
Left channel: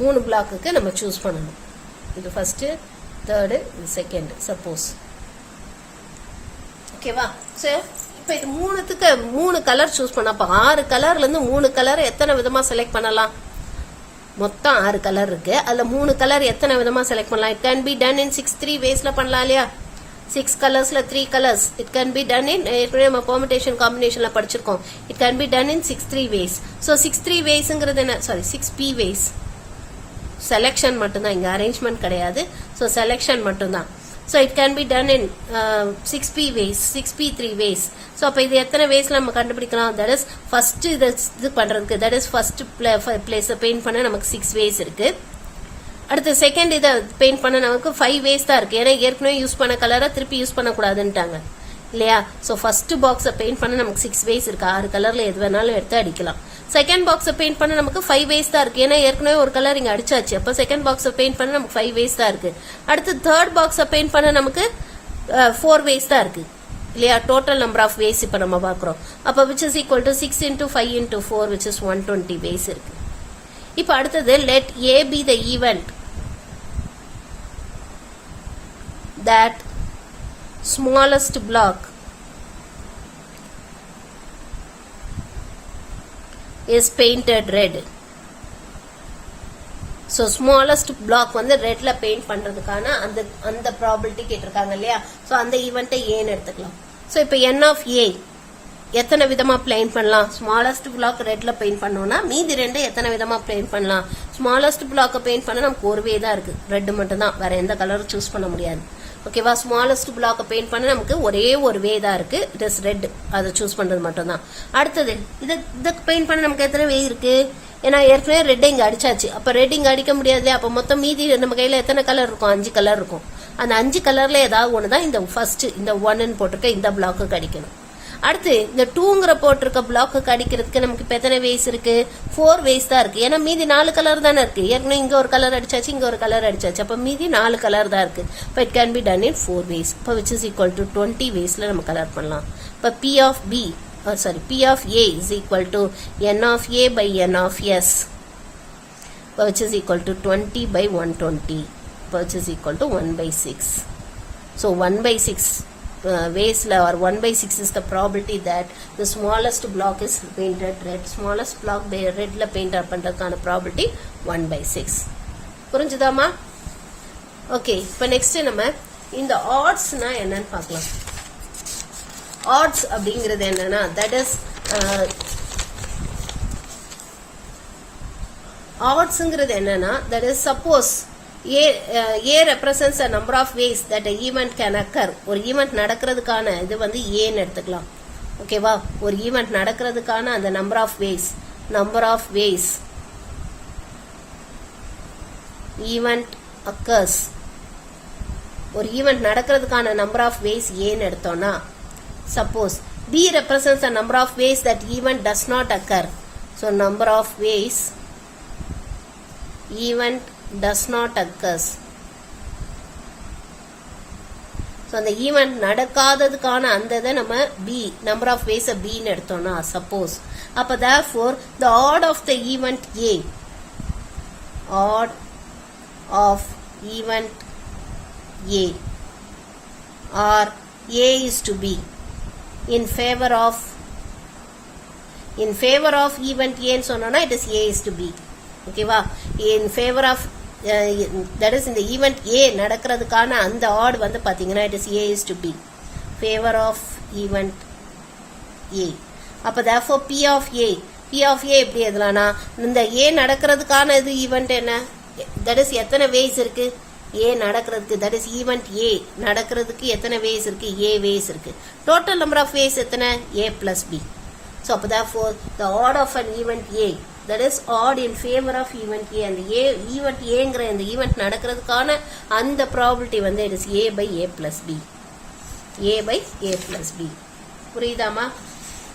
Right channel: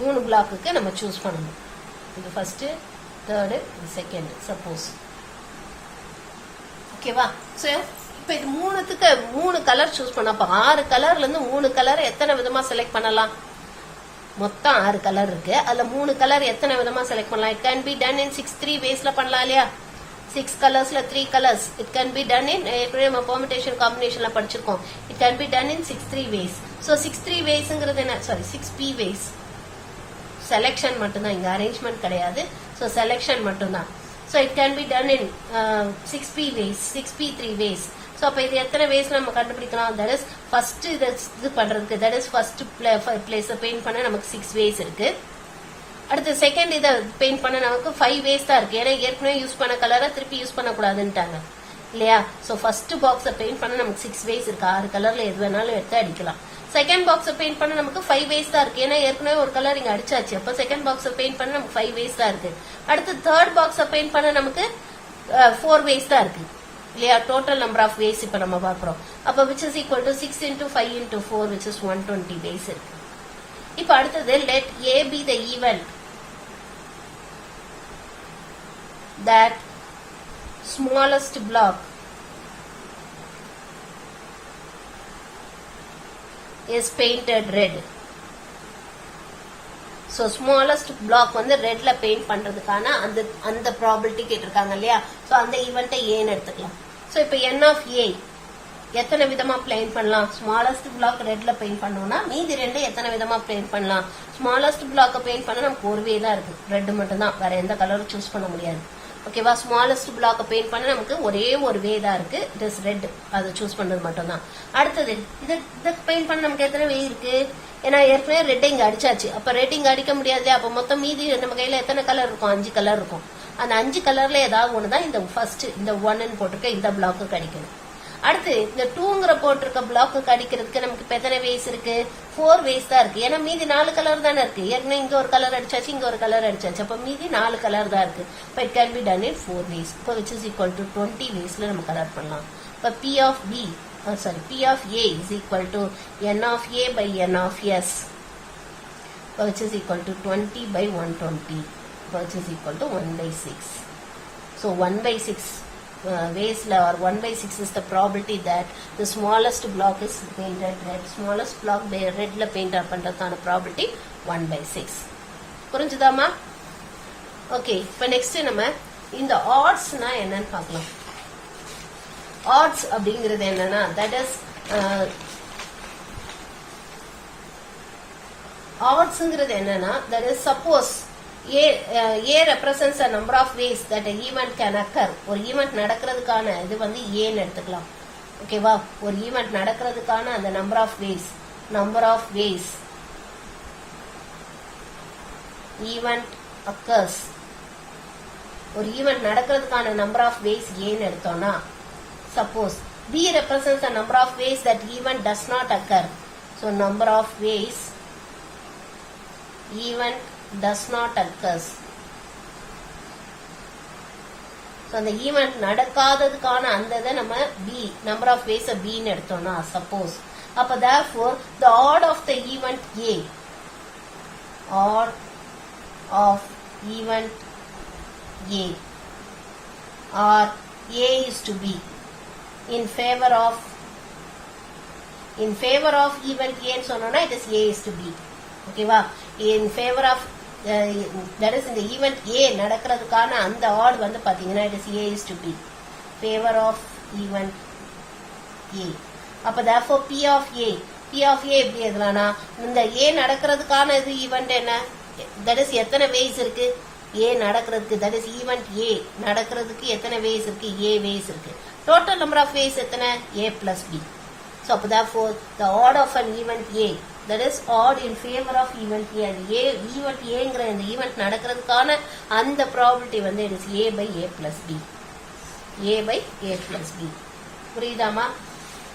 மூணு பிளாக்குக்கு நம்ம சூஸ் பண்ணணும். இது ஃபர்ஸ்ட், தேர்டு, செகண்ட் சப்போஸ். ஓகேவா? ஸோ இப்போ இது 3த்துக்கு 3 கலர் சூஸ் பண்ண, அப்போ 6 கலர்ல இருந்து 3 கலர் எத்தனை விதமா செலக்ட் பண்ணலாம்? மொத்தம் 6 கலர் இருக்கு. அதுல 3 கலர் எத்தனை விதமா செலக்ட் பண்ணலாம்? It can be done in 6 3 வேஸ்ல பண்ணலாம் இல்லையா? 6 கலர்ஸ்ல 3 colours. It can be done in, ஏற்கனவே நம்ம பெர்முடேஷன் காம்பினேஷன்ல படிச்சிருக்கோம். It can be done in 6 3 ways. So 6 3 வேஸ்ங்கிறது என்ன? Sorry, 6 p ways. செலெக்ஷன் மட்டும்தான், இங்க அரேஞ்ச்மெண்ட் கிடையாது. ஸோ செலெக்ஷன் மட்டும்தான். So it can be done in 6p ways, 6p3 ways. So அப்போ இது எத்தனை வேஸ்ல நம்ம கண்டுபிடிக்கலாம்? தட் இஸ் ஃபர்ஸ்ட் இது பண்றதுக்கு, that is first place paint பண்ண நமக்கு 6 வேஸ் இருக்கு. அடுத்து செகண்ட் இதை பெயிண்ட் பண்ண நமக்கு 5 வேஸ் தான் இருக்கு. ஏன்னா ஏற்கனவே யூஸ் பண்ண கலரை திருப்பி யூஸ் பண்ணக்கூடாதுன்ட்டாங்க இல்லையா? ஸோ ஃபர்ஸ்ட் பாக்ஸை பெயிண்ட் பண்ண நமக்கு 6 வேஸ் இருக்கு. 6 கலர்ல எது வேணாலும் எடுத்து அடிக்கலாம். செகண்ட் பாக்ஸை பெயிண்ட் பண்ண நமக்கு 5 வேஸ் தான் இருக்கு. ஏன்னா ஏற்கனவே ஒரு கலர் இங்க அடிச்சாச்சு. அப்ப செகண்ட் பாக்ஸை பெயிண்ட் பண்ண நமக்கு 5 வேஸ் தான் இருக்கு. அடுத்து தேர்ட் பாக்ஸை பெயிண்ட் பண்ண நமக்கு 4 வேஸ் தான் இருக்கு இல்லையா? டோட்டல் நம்பர் ஆஃப் வேஸ் இப்ப நம்ம பாக்குறோம். அப்ப which is equal to 6 into 5 into 4, which is 120 ways இருக்கு. இப்ப அடுத்தது let A be the event that smallest block is painted red. So smallest block வந்து ரெட்ல பெயிண்ட் பண்றதுக்கான அந்த ப்ராபபிலிட்டி கேட்டிருக்காங்க இல்லையா? சோ அந்த ஈவென்ட்டை ஏன்னு எடுத்துக்கலாம். சோ இப்போ n of a எத்தனை விதமா பெயிண்ட் பண்ணலாம்? ஸ்மாலஸ்ட் பிளாக் ரெட்ல பெயிண்ட் பண்ணோம்னா மீதி ரெண்டு எத்தனை விதமா பெயிண்ட் பண்ணலாம்? ஸ்மாலஸ்ட் பிளாக் பெயிண்ட் பண்ண நமக்கு ஒரு வே தான் இருக்கு, ரெட் மட்டும் தான், வேற எந்த கலரும் சூஸ் பண்ண முடியாது. ஓகேவா. ஸ்மாலஸ்ட் பிளாக் பெயிண்ட் பண்ண நமக்கு ஒரே ஒரு வே தான் இருக்கு, இட் இஸ் ரெட். அதை சூஸ் பண்றது மட்டும் தான். அடுத்தது இதை பெயிண்ட் பண்ண நமக்கு எத்தனை வே இருக்கு? ஏன்னா ஏற்கனவே ரெட் இங்க அடிச்சாச்சு, அப்ப ரெட் இங்க அடிக்க முடியாது. அப்ப மொத்தம் மீதி நம்ம கையில எத்தனை கலர் இருக்கும்? 5 கலர் இருக்கும். அந்த 5 கலர்ல ஏதாவது ஒண்ணுதான் இந்த ஃபர்ஸ்ட் இந்த 1 போட்டிருக்க இந்த பிளாக்கு அடிக்கணும். அடுத்து இந்த 2ங்கிற போட்டிருக்க பிளாக்கு அடிக்கிறதுக்கு நமக்கு இப்ப எத்தனை வேஸ் இருக்கு? 4 வேஸ் தான் இருக்கு. ஏன்னா மீதி 4 கலர் தானே இருக்கு. ஏற்கனவே இங்க ஒரு கலர் அடிச்சாச்சு, இங்க ஒரு கலர் அடிச்சாச்சு, அப்ப மீதி 4 கலர் தான் இருக்கு. இப்போ it can be done in 4 ways. இப்போ விச் இஸ் ஈக்குவல் டு 20 வேஸ்ல நம்ம கலர் பண்ணலாம். இப்போ P of A is equal to N of A by N of S, which is equal to 20 by 120, which is equal to 1 by 6. So 1 by 6 ways or 1 by 6 is the probability that the smallest block is painted red. Smallest block red la paint பண்றதுக்கான probability 1 by 6. புரிஞ்சுதாமா? Okay, இப்போ next நம்ம இந்த oddsனா என்னன்னு பார்க்கலாம். odds அப்படிங்கிறது என்னன்னா that is oddsங்கிறது என்னன்னா that is suppose A represents a number of ways that an event can occur. ஒரு ஈவெண்ட் நடக்கிறதுக்கான இது வந்து ஏன்னு எடுத்துக்கலாம். ஓகேவா. ஒரு ஈவெண்ட் நடக்கிறதுக்கான அந்த number of ways event occurs. ஒரு ஈவெண்ட் நடக்கிறதுக்கான number of ways ஏன்னு எடுத்தோம்னா, suppose B represents a number of ways that event does not occur. So number of ways event does not occurs. So அந்த event நடக்காததுக்கான அந்த இதை நம்ம B number of ways B ன்னு எடுத்தோம்னா suppose, அப்ப therefore the odd of the event A, odd of event A or A is to B in favor of event A ன்னு சொன்னோம்னா it is A is to B. ஓகேவா. in favor of that is இந்த event A நடக்கிறதுக்கான அந்த odd வந்து பாத்தீங்கன்னா it is A is to B, favor of event A. அப்ப therefore P of A எப்படி எதுலானா இந்த A நடக்கிறதுக்கான இது event என்ன, that is எத்தனை ways இருக்கு A நடக்கிறதுக்கு, that is event A நடக்கிறதுக்கு எத்தனை ways இருக்கு? A ways இருக்கு. total number of ways எத்தனை? A plus B. so அப்ப therefore the odd of an event A, that is odd in favor of event A, and event Aங்கிற இந்த event நடக்கிறதுக்கான அந்த probability வந்து it is A by A plus B. A by A plus B. புரியுதாமா?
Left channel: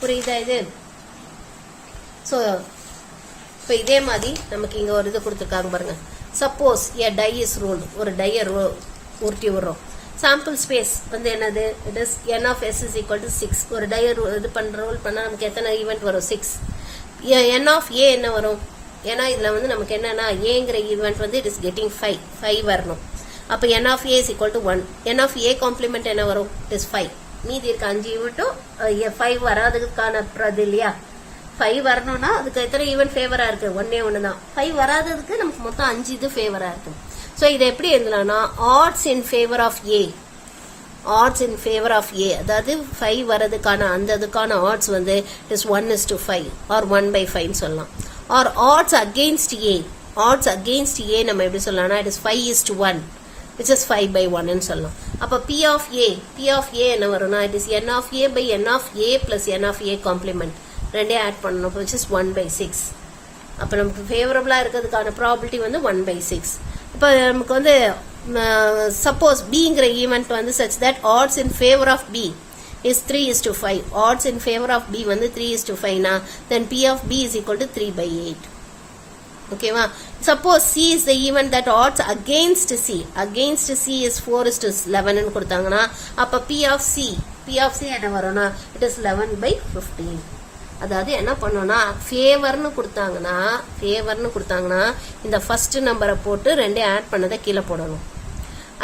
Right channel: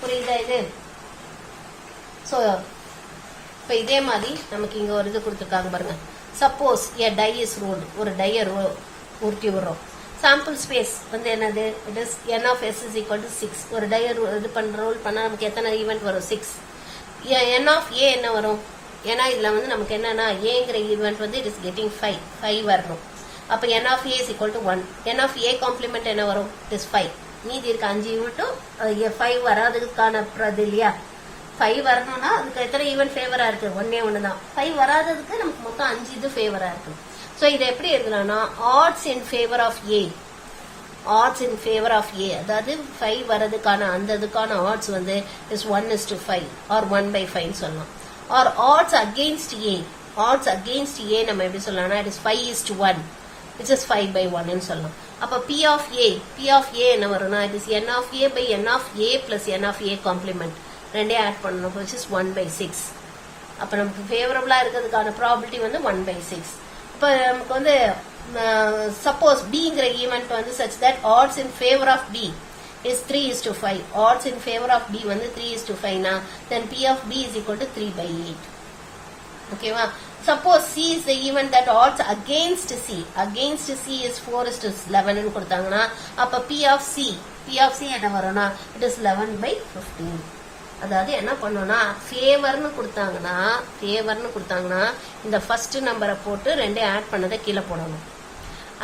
புரியுதா இது? so இப்போ இதே மாதிரி நமக்கு இங்க ஒரு இது கொடுத்துருக்காங்க பாருங்க. suppose a die is rolled, ஒரு die உருட்டி விடுறோம். sample space வந்து என்னது? it is N of S is equal to 6. ஒரு die இது roll பண்ணா நமக்கு எத்தனை event வரும்? 6. N of A என்ன வரும்? ஏன்னா இதுல வந்து நமக்கு என்னன்னா Aங்கிற event வந்து it is getting 5 வரணும். அப்ப N of A is equal to 1. N of A complement என்ன வரும்? it is 5. மீதி இருக்க 5 ஈவெண்ட்டும் 5 வராததுக்கான பிரதி இல்லையா? 5 வரணும்னா அதுக்கு எத்தனை ஈவெண்ட் ஃபேவரா இருக்கு? ஒண்ணு தான். 5 வராததுக்கு நமக்கு மொத்தம் 5 இது ஃபேவரா இருக்கு. சோ இதை எப்படி எழுதலாம்னா odds in favor of A, odds in favor of A, அதாவது 5 வரதுக்கான அந்த அதுக்கான odds வந்து is 1:5 or 1/5 சொல்லலாம். or odds against A, odds against A நம்ம எப்படி சொல்லலாம்னா it is 5:1, which is 5/1 ன்னு சொல்லலாம். அப்ப P of A என்ன வரும்னா it is N of A by N of A plus N of A complement ரெண்டே ஆட் பண்ணணும், which is 1/6. அப்ப நமக்கு ஃபேவரபிளா இருக்கிறதுக்கான ப்ராபபிலிட்டி வந்து 1/6. அப்ப நமக்கு வந்து suppose Bங்கிற ஈவெண்ட் வந்து such that odds in favor of B is 3:5. odds in favor of B வந்து 3:5 னா then P of B is equal to 3/8. ஓகேவா. suppose C is the event that odds against C is 4:11 ன்னு கொடுத்தாங்கன்னா அப்ப P of C என்ன வரும்னா it is 11/15. அதாவது என்ன பண்ணோம்னா ஃபேவர்னு கொடுத்தாங்கன்னா இந்த ஃபர்ஸ்ட் நம்பரை போட்டு ரெண்டே ஆட் பண்ணதை கீழே போடணும்.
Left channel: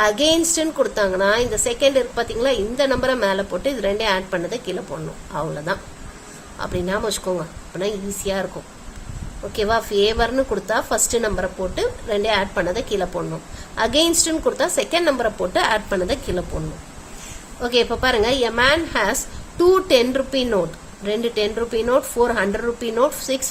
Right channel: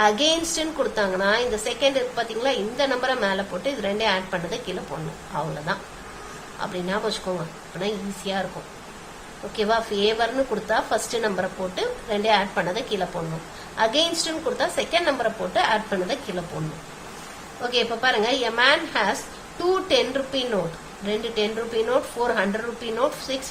அகெயின்ஸ்ட்னு கொடுத்தாங்கன்னா இந்த செகண்ட் இருக்கு பாத்தீங்களா, இந்த நம்பரை மேல போட்டு இது ரெண்டே ஆட் பண்ணதை கீழே போடணும். அவ்வளவுதான். அப்படின்னா வச்சுக்கோங்க, அப்படின்னா ஈஸியா இருக்கும். ஓகேவா. ஃபேவர்னு கொடுத்தா ஃபர்ஸ்ட் நம்பரை போட்டு ரெண்டே ஆட் பண்ணதை கீழே போடணும். அகெயின்ஸ்ட்னு கொடுத்தா செகண்ட் நம்பரை போட்டு ஆட் பண்ணதை கீழே போடணும். ஓகே. இப்ப பாருங்க, a man has 2 10 rupee note, 2 10 rupee note, 4 100 rupee note, 6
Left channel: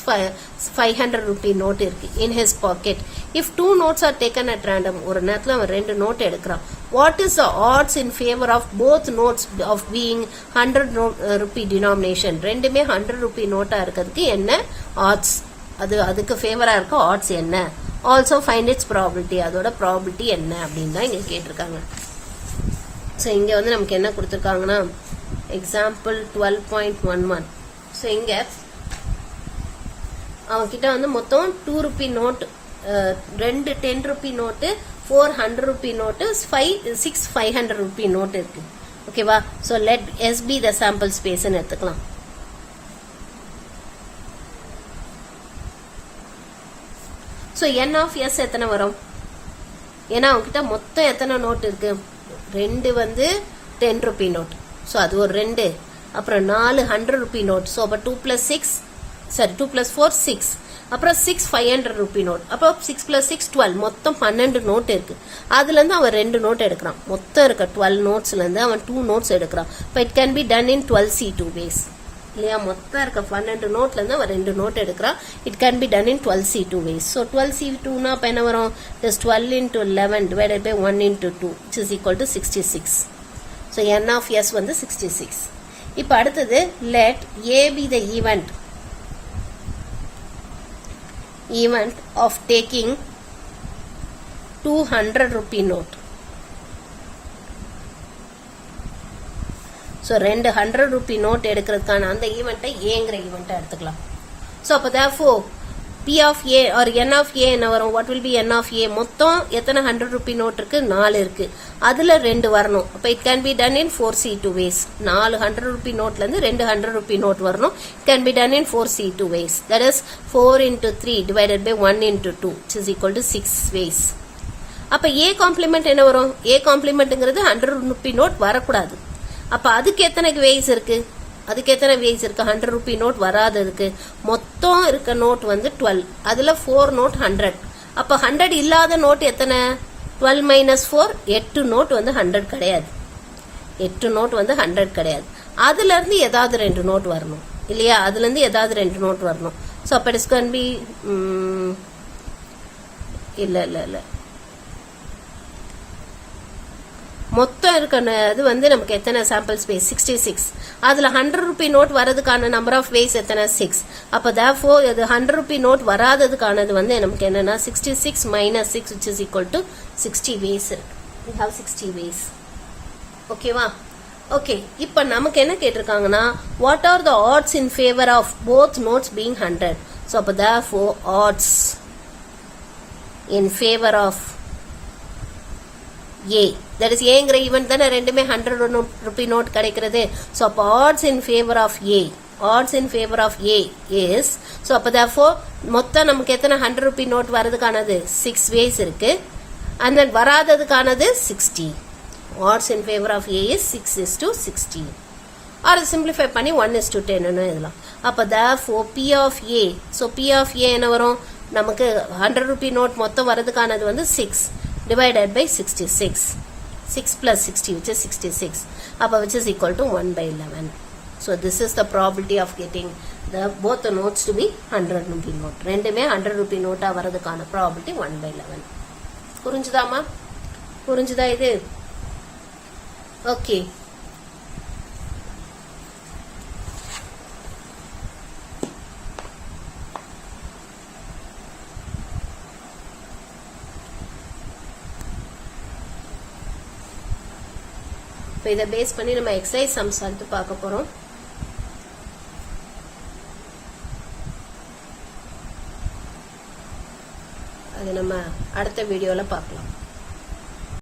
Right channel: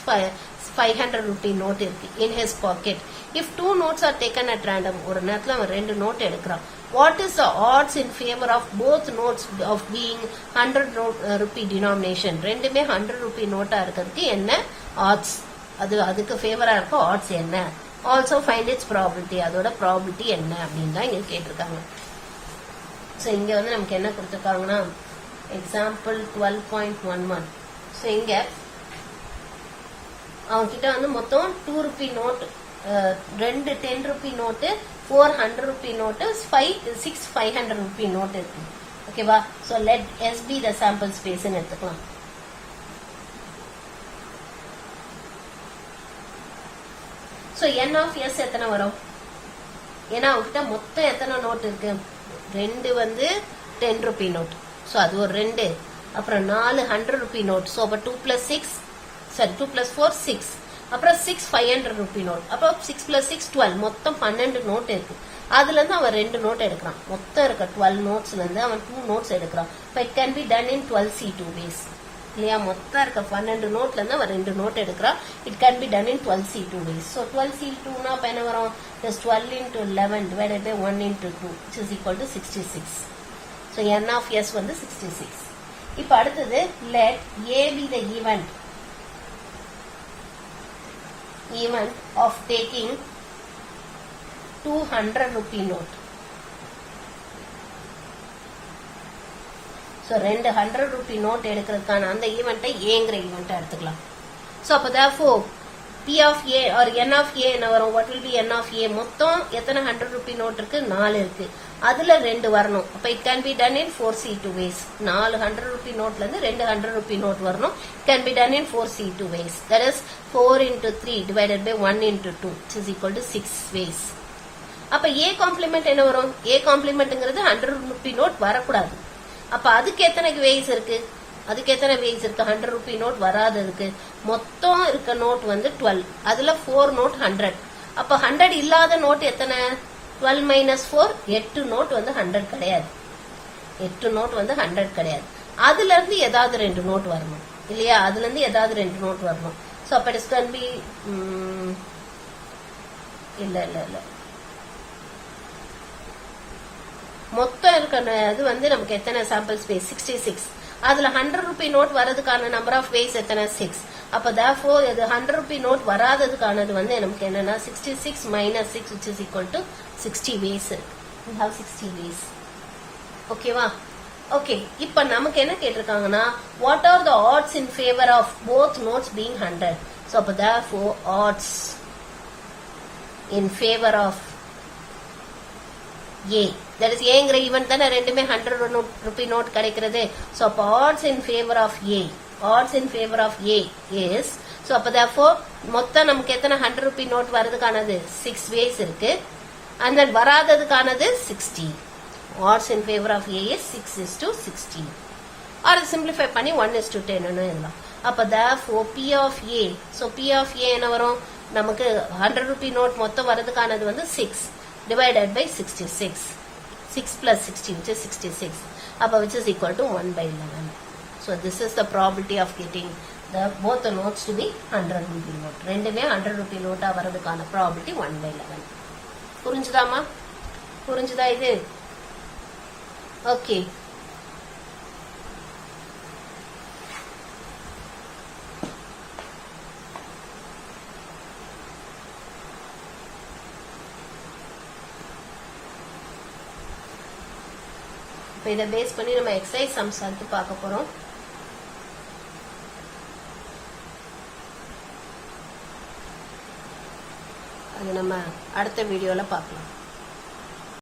500 rupee note இருக்கு in his pocket. If 2 notes are taken at random, ஒரு நேரத்துல அவன் 2 நோட் எடுக்கிறான். What is the odds in favor of both notes of being 100 rupee denomination? ரெண்டுமே 100 rupee NOTA இருக்கிறதுக்கு என்ன odds? அதுக்கு ஃபேவரா இருக்க odds என்ன? Also find its probability. அதோட probability என்ன அப்படின்னு தான் இங்க கேட்டிருக்காங்க. ஸோ இங்க வந்து நமக்கு என்ன கொடுத்துருக்காங்கன்னா எக்ஸாம்பிள் 12.11. ஸோ இங்க அவங்க கிட்ட வந்து மொத்தம் 2 rupee note, 2 10 rupee note, 4 100 rupee note, 6 500 rupee note இருக்கு. ஓகேவா? So let S be the sample space எடுத்துக்கலாம். ஸோ என் ஆஃப் எஸ் எத்தனை வரும்? ஏன்னா அவங்ககிட்ட மொத்தம் எத்தனை நோட் இருக்கு? 2 வந்து 10 rupee நோட், ஸோ அது ஒரு 2. அப்புறம் 4 100 rupee நோட், ஸோ அப்போ 2 + 6 சரி 2 + 4 6. அப்புறம் 6 500 rupee நோட், அப்போ 6 + 6 12, மொத்தம் 12 நோட் இருக்கு. அதுல இருந்து அவன் 2 நோட் எடுக்கிறான். மொத்தம் இருக்க 12 நோட்ஸ்ல இருந்து அவன் 2 நோட்ஸ் எடுக்கிறான். இப்போ it can be done in 12C2 ways. இல்லையா? மொத்தம் இருக்க 12 நோட்ல இருந்து அவன் 2 நோட் எடுக்கிறான். It can be done in 12C2 ways. So 12C2னா அப்ப என்ன வரும்? Just 12 × 11 divided by 1 × 2 which is equal to 66. So n of s வந்து 66. இப்போ அடுத்தது let a be the event of taking 200 rupee note. So 200 rupee note எடுக்கிறதுக்கான அந்த ஈவெண்ட்டை ஏங்கிற ஈவெண்ட்டை எடுத்துக்கலாம். ஸோ அப்போ therefore P of A or N of A என்ன வரும்? What will be N of A? மொத்தம் எத்தனை 100 rupee நோட் இருக்கு? 4 இருக்கு. அதுல 2 வரணும். அப்ப it can be done in 4C2 ways. 4 100 rupee நோட்ல இருந்து 2 100 rupee நோட் வரணும். It can be done in 4C2 ways. That is 4 × 3 divided by 1 × 2 which is equal to 6 ways. அப்ப A complement என்ன வரும்? A complementங்கிறது 100 rupee நோட் வரக்கூடாது. அப்ப அதுக்கு எத்தனை ways இருக்கு? 100 rupee நோட் வராததுக்கு மொத்தம் இருக்க நோட் வந்து 12. அதுல 4 நோட் 100. அப்ப 100 இல்லாத நோட் எத்தனை? 12 - 4 8 நோட் வந்து 100 கிடையாது. 8 நோட் வந்து 100 கிடையாது. அதுல இருந்து ஏதாவது 2 நோட் வரணும். இல்லையா? அதுல இருந்து ஏதாவது 2 நோட் வரணும். சோ அப்ப இட்ஸ் கேன் பி இல்ல மொத்தம் இருக்க அது வந்து நமக்கு எத்தனை சாம்பிள் ஸ்பேஸ்? 66. அதுல 100 rupee நோட் வரதுக்கான நம்பர் ஆஃப் வேஸ் எத்தனை? 6. அப்ப therefore இது 100 rupee நோட் வராததுக்கானது வந்து நமக்கு என்னன்னா 66 - 6 which is equal to 60 ways. We have 60 ways. ஓகேவா? ஓகே, இப்ப நமக்கு என்ன கேட்டிருக்காங்கன்னா what are the odds in favor of both notes being 100? So அப்ப therefore odds in favor of A, that is ஏங்கிற ஈவெண்ட் தானே ரெண்டுமே 100 rupee நோட் கிடைக்கிறது. So அப்போ odds in favor of A, odds in favor of A is, so அப்போ therefore மொத்தம் நமக்கு எத்தனை 100 rupee நோட் வரதுக்கானது? 6 ways இருக்கு. and then வராததுக்கானது 60. odds in favor of A is 6:60. or simplify பண்ணி 1:10 எழுதலாம். அப்போ therefore P of A, so P of A என்ன வரும்? நமக்கு 100 rupee நோட் மொத்தம் வரதுக்கானது வந்து 6 divided by 66. 6 + 60 which is 66. which is equal to 1/11. So this is the probability of getting both the notes to be 100 rupee note. ரெண்டுமே 100 rupee NOTA வரதுக்கான probability 1/11. புரிஞ்சுதா இது? Okay. இதை பேஸ் பண்ணி நம்ம எக்ஸசைஸ் சம்ஸ் அடுத்து பார்க்க போறோம். அது நம்ம அடுத்த வீடியோல பார்க்கலாம்.